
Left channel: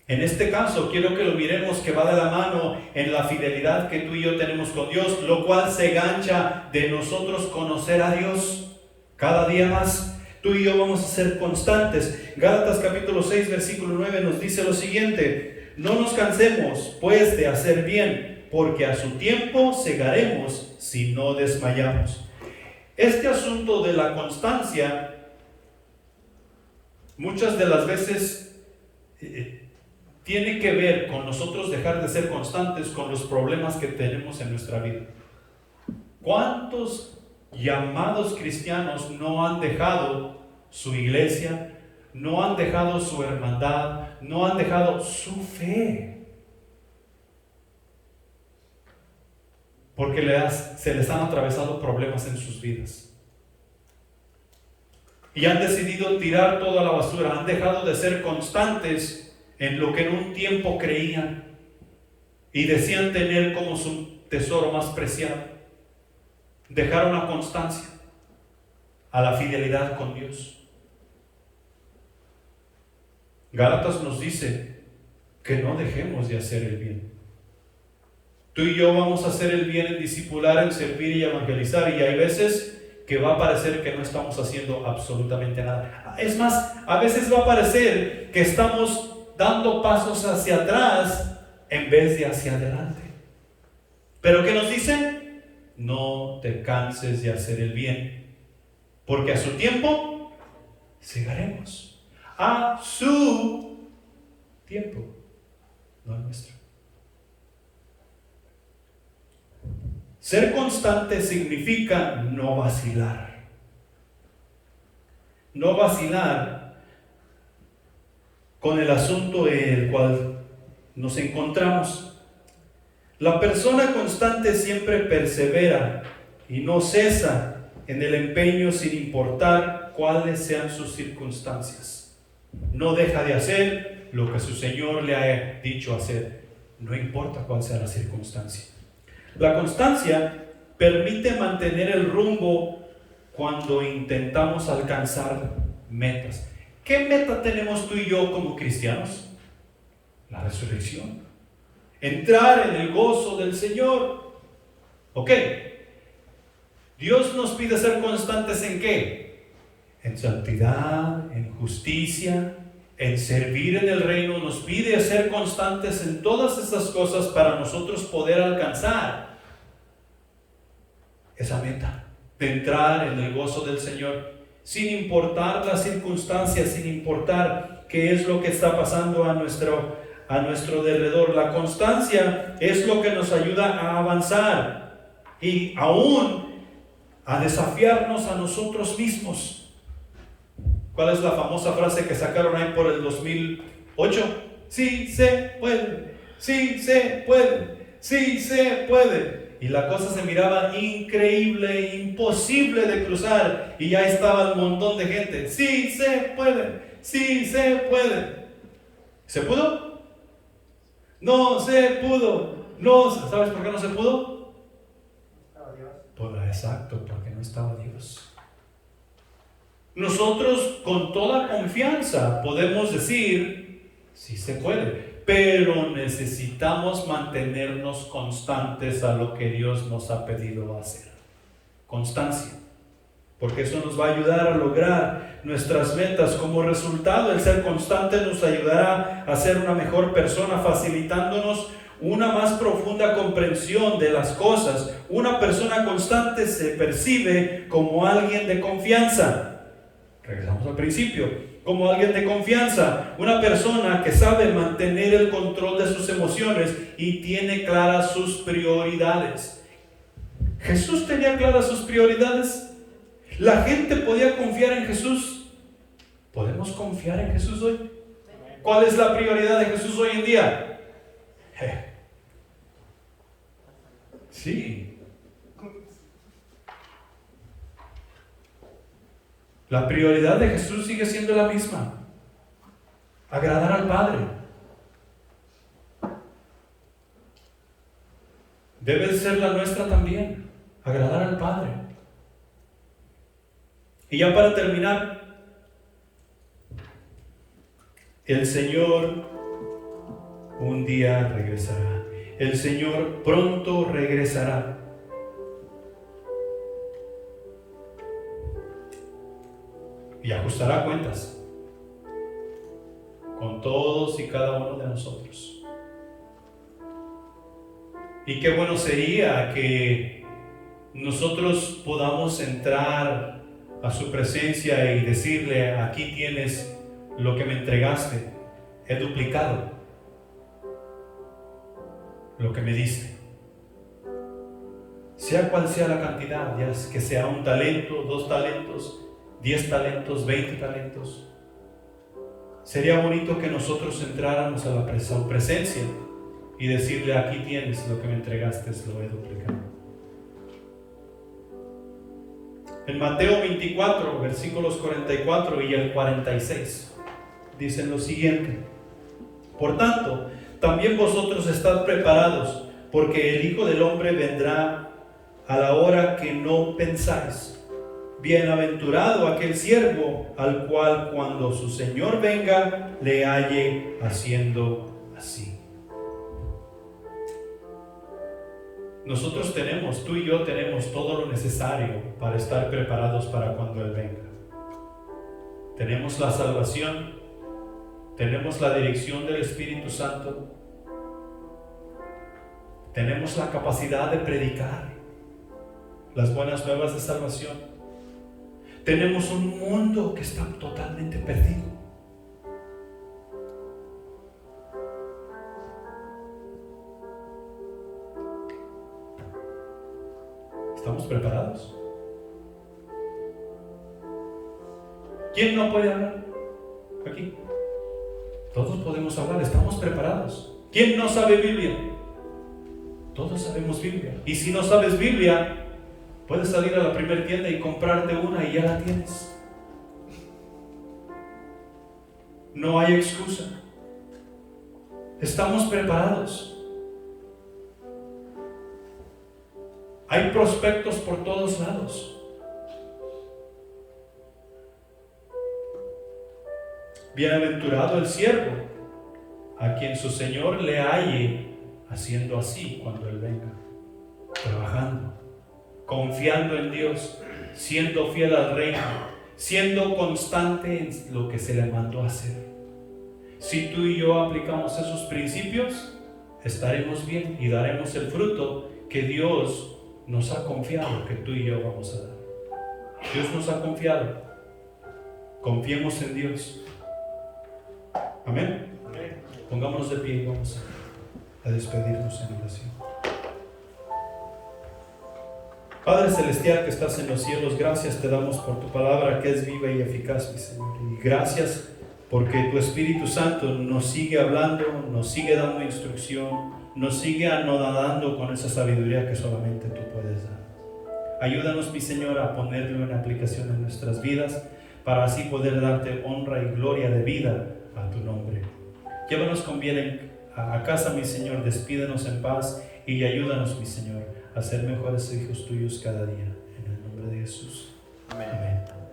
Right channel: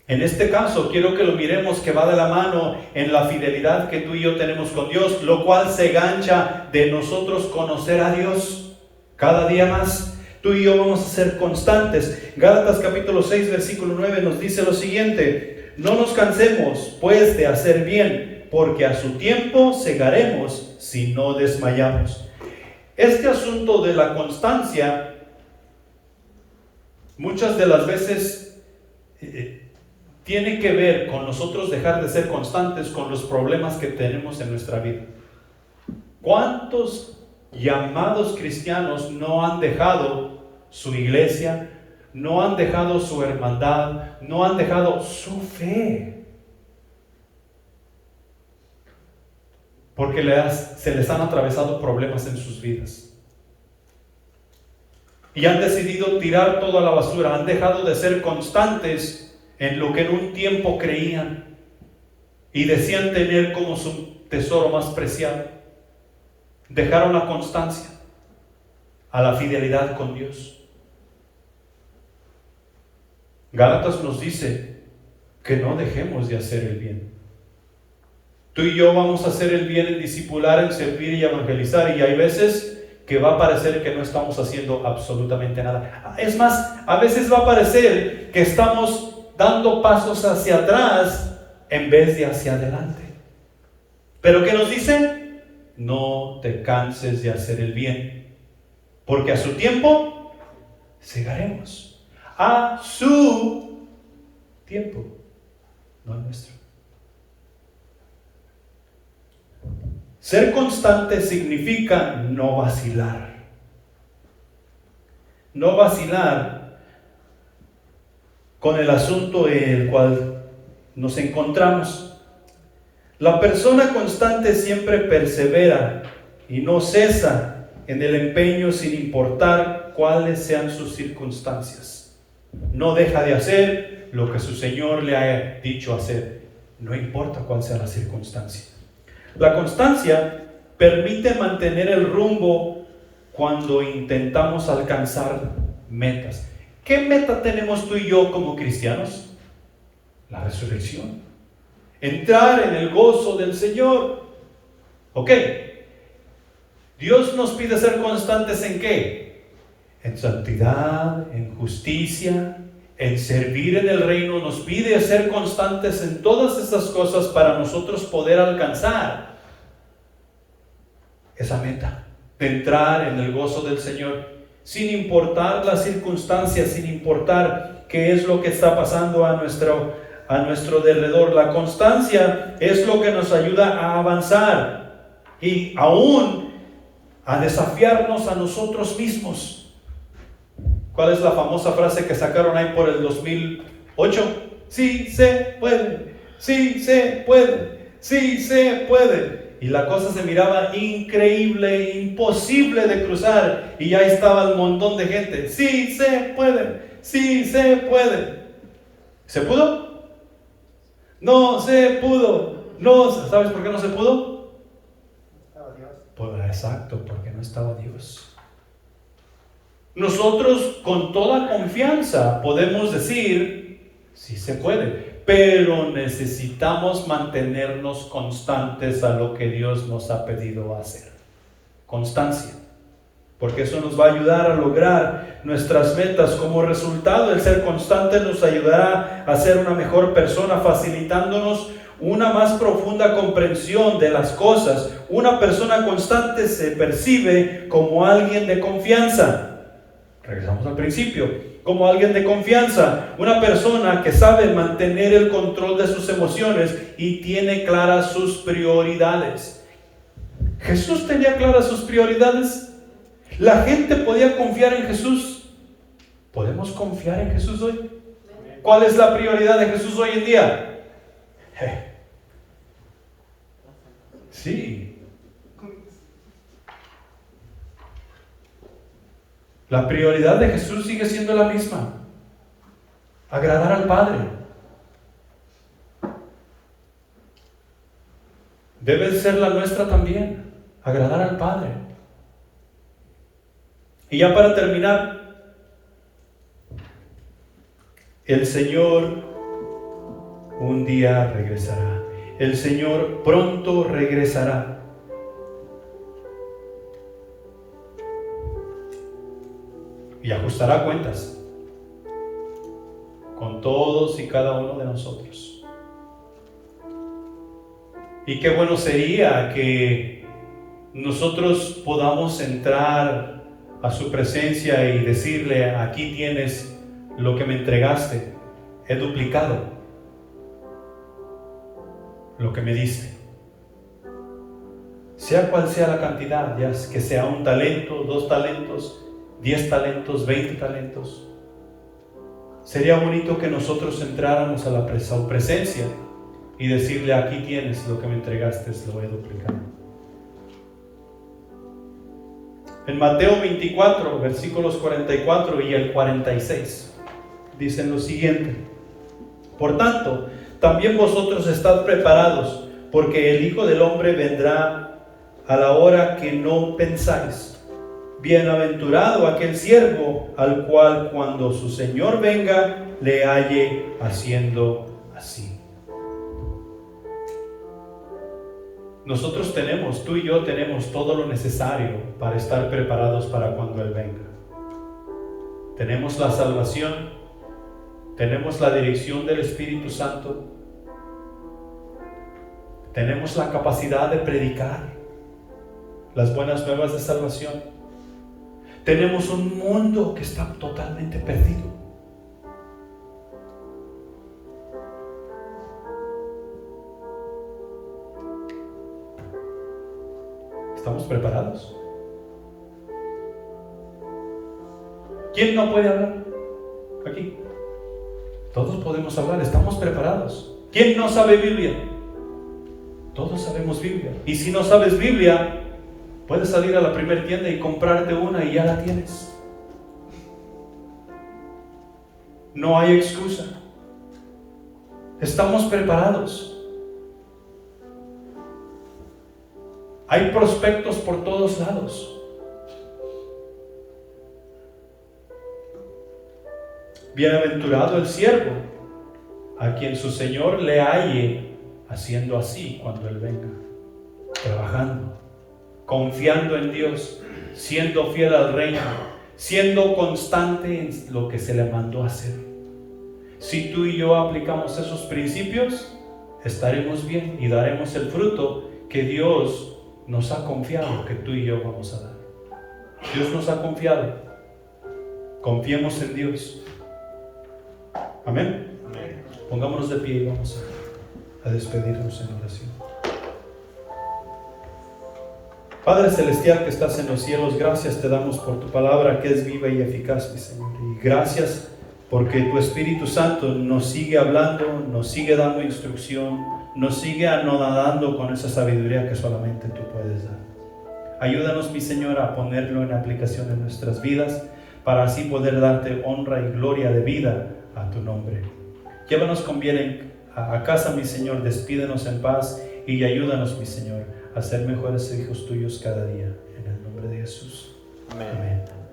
En este caso, quiero que lo miremos, que va de la mano en la fidelidad que tú y yo tenemos con Dios, lo cual se gancha de nosotros conocer a Dios cada día más. Tú y yo vamos a ser constantes. Gálatas capítulo 6, versículo 9 nos dice lo siguiente: no nos cansemos, pues, de hacer bien, porque a su tiempo segaremos si no desmayamos. Este asunto de la constancia, muchas de las veces tiene que ver con nosotros dejar de ser constantes con los problemas que tenemos en nuestra vida. ¿Cuántos llamados cristianos no han dejado su iglesia, no han dejado su hermandad, no han dejado su fe? Porque se les han atravesado problemas en sus vidas. Y han decidido tirar todo a la basura, han dejado de ser constantes en lo que en un tiempo creían y decían tener como su tesoro más preciado. Dejaron la constancia a la fidelidad con Dios. Gálatas nos dice que no dejemos de hacer el bien. Tú y yo vamos a hacer el bien en discipular, en servir y evangelizar, y hay veces que va a parecer que no estamos haciendo absolutamente nada. Es más, a veces va a parecer que estamos dando pasos hacia atrás en vez de hacia adelante. ¿Pero qué nos dicen? No te canses de hacer el bien, porque a su tiempo segaremos. A su tiempo, no al nuestro. Ser constante significa no vacilar. No vacilar con el asunto en el cual nos encontramos. La persona constante siempre persevera y no cesa en el empeño sin importar cuáles sean sus circunstancias. No deja de hacer lo que su Señor le ha dicho hacer, no importa cuál sea la circunstancia. La constancia permite mantener el rumbo cuando intentamos alcanzar metas. ¿Qué meta tenemos tú y yo como cristianos? La resurrección. Entrar en el gozo del Señor. Ok. Dios nos pide ser constantes ¿en qué? En santidad, en justicia, en servir en el reino. Nos pide ser constantes en todas estas cosas para nosotros poder alcanzar esa meta de entrar en el gozo del Señor, sin importar las circunstancias, sin importar qué es lo que está pasando a nuestro derredor. La constancia es lo que nos ayuda a avanzar y aún a desafiarnos a nosotros mismos. ¿Cuál es la famosa frase que sacaron ahí por el 2008? Sí se puede, sí se puede, sí se puede. Y la cosa se miraba increíble, imposible de cruzar. Y ya estaba el montón de gente. Sí se puede, sí se puede. ¿Se pudo? No se pudo. No, ¿sabes por qué no se pudo? Pues exacto, porque no estaba Dios. Nosotros con toda confianza podemos decir, sí se puede, pero necesitamos mantenernos constantes a lo que Dios nos ha pedido hacer. Constancia, porque eso nos va a ayudar a lograr nuestras metas. Como resultado, el ser constante nos ayudará a ser una mejor persona, facilitándonos una más profunda comprensión de las cosas. Una persona constante se percibe como alguien de confianza. Regresamos al principio. Como alguien de confianza, una persona que sabe mantener el control de sus emociones y tiene claras sus prioridades. ¿Jesús tenía claras sus prioridades? ¿La gente podía confiar en Jesús? ¿Podemos confiar en Jesús hoy? ¿Cuál es la prioridad de Jesús hoy en día? Sí. La prioridad de Jesús sigue siendo la misma: agradar al Padre. Debe ser la nuestra también, agradar al Padre. Y ya para terminar, el Señor un día regresará. El Señor pronto regresará. Y ajustará cuentas con todos y cada uno de nosotros. Y qué bueno sería que nosotros podamos entrar a su presencia y decirle: aquí tienes lo que me entregaste, he duplicado lo que me diste. Sea cual sea la cantidad, ya que sea 1 talento, 2 talentos, 10 talentos, 20 talentos. Sería bonito que nosotros entráramos a la presencia y decirle: aquí tienes lo que me entregaste, lo he duplicado. En Mateo 24, versículos 44 y el 46, dicen lo siguiente: por tanto, también vosotros estad preparados, porque el Hijo del Hombre vendrá a la hora que no pensáis. Bienaventurado aquel siervo al cual cuando su Señor venga le halle haciendo así. Nosotros tenemos, tú y yo tenemos todo lo necesario para estar preparados para cuando Él venga. Tenemos la salvación, tenemos la dirección del Espíritu Santo, tenemos la capacidad de predicar las buenas nuevas de salvación. Tenemos un mundo que está totalmente perdido. ¿Estamos preparados? ¿Quién no puede hablar aquí? Todos podemos hablar, estamos preparados. ¿Quién no sabe Biblia? Todos sabemos Biblia. Y si no sabes Biblia, puedes salir a la primera tienda y comprarte una y ya la tienes. No hay excusa. Estamos preparados. Hay prospectos por todos lados. Bienaventurado el siervo, a quien su Señor le halle haciendo así cuando Él venga, trabajando, confiando en Dios, siendo fiel al reino, siendo constante en lo que se le mandó hacer. Si tú y yo aplicamos esos principios, estaremos bien y daremos el fruto que Dios nos ha confiado, que tú y yo vamos a dar. Dios nos ha confiado. Confiemos en Dios. Amén. Amén. Pongámonos de pie y vamos a despedirnos en oración. Padre Celestial que estás en los cielos, gracias te damos por tu palabra que es viva y eficaz, mi Señor. Y gracias porque tu Espíritu Santo nos sigue hablando, nos sigue dando instrucción, nos sigue anonadando con esa sabiduría que solamente tú puedes dar. Ayúdanos, mi Señor, a ponerlo en aplicación en nuestras vidas para así poder darte honra y gloria de vida a tu nombre. Llévanos con bien a casa, mi Señor, despídenos en paz y ayúdanos, mi Señor, a ser mejores hijos tuyos cada día. En el nombre de Jesús. Amén. Amén.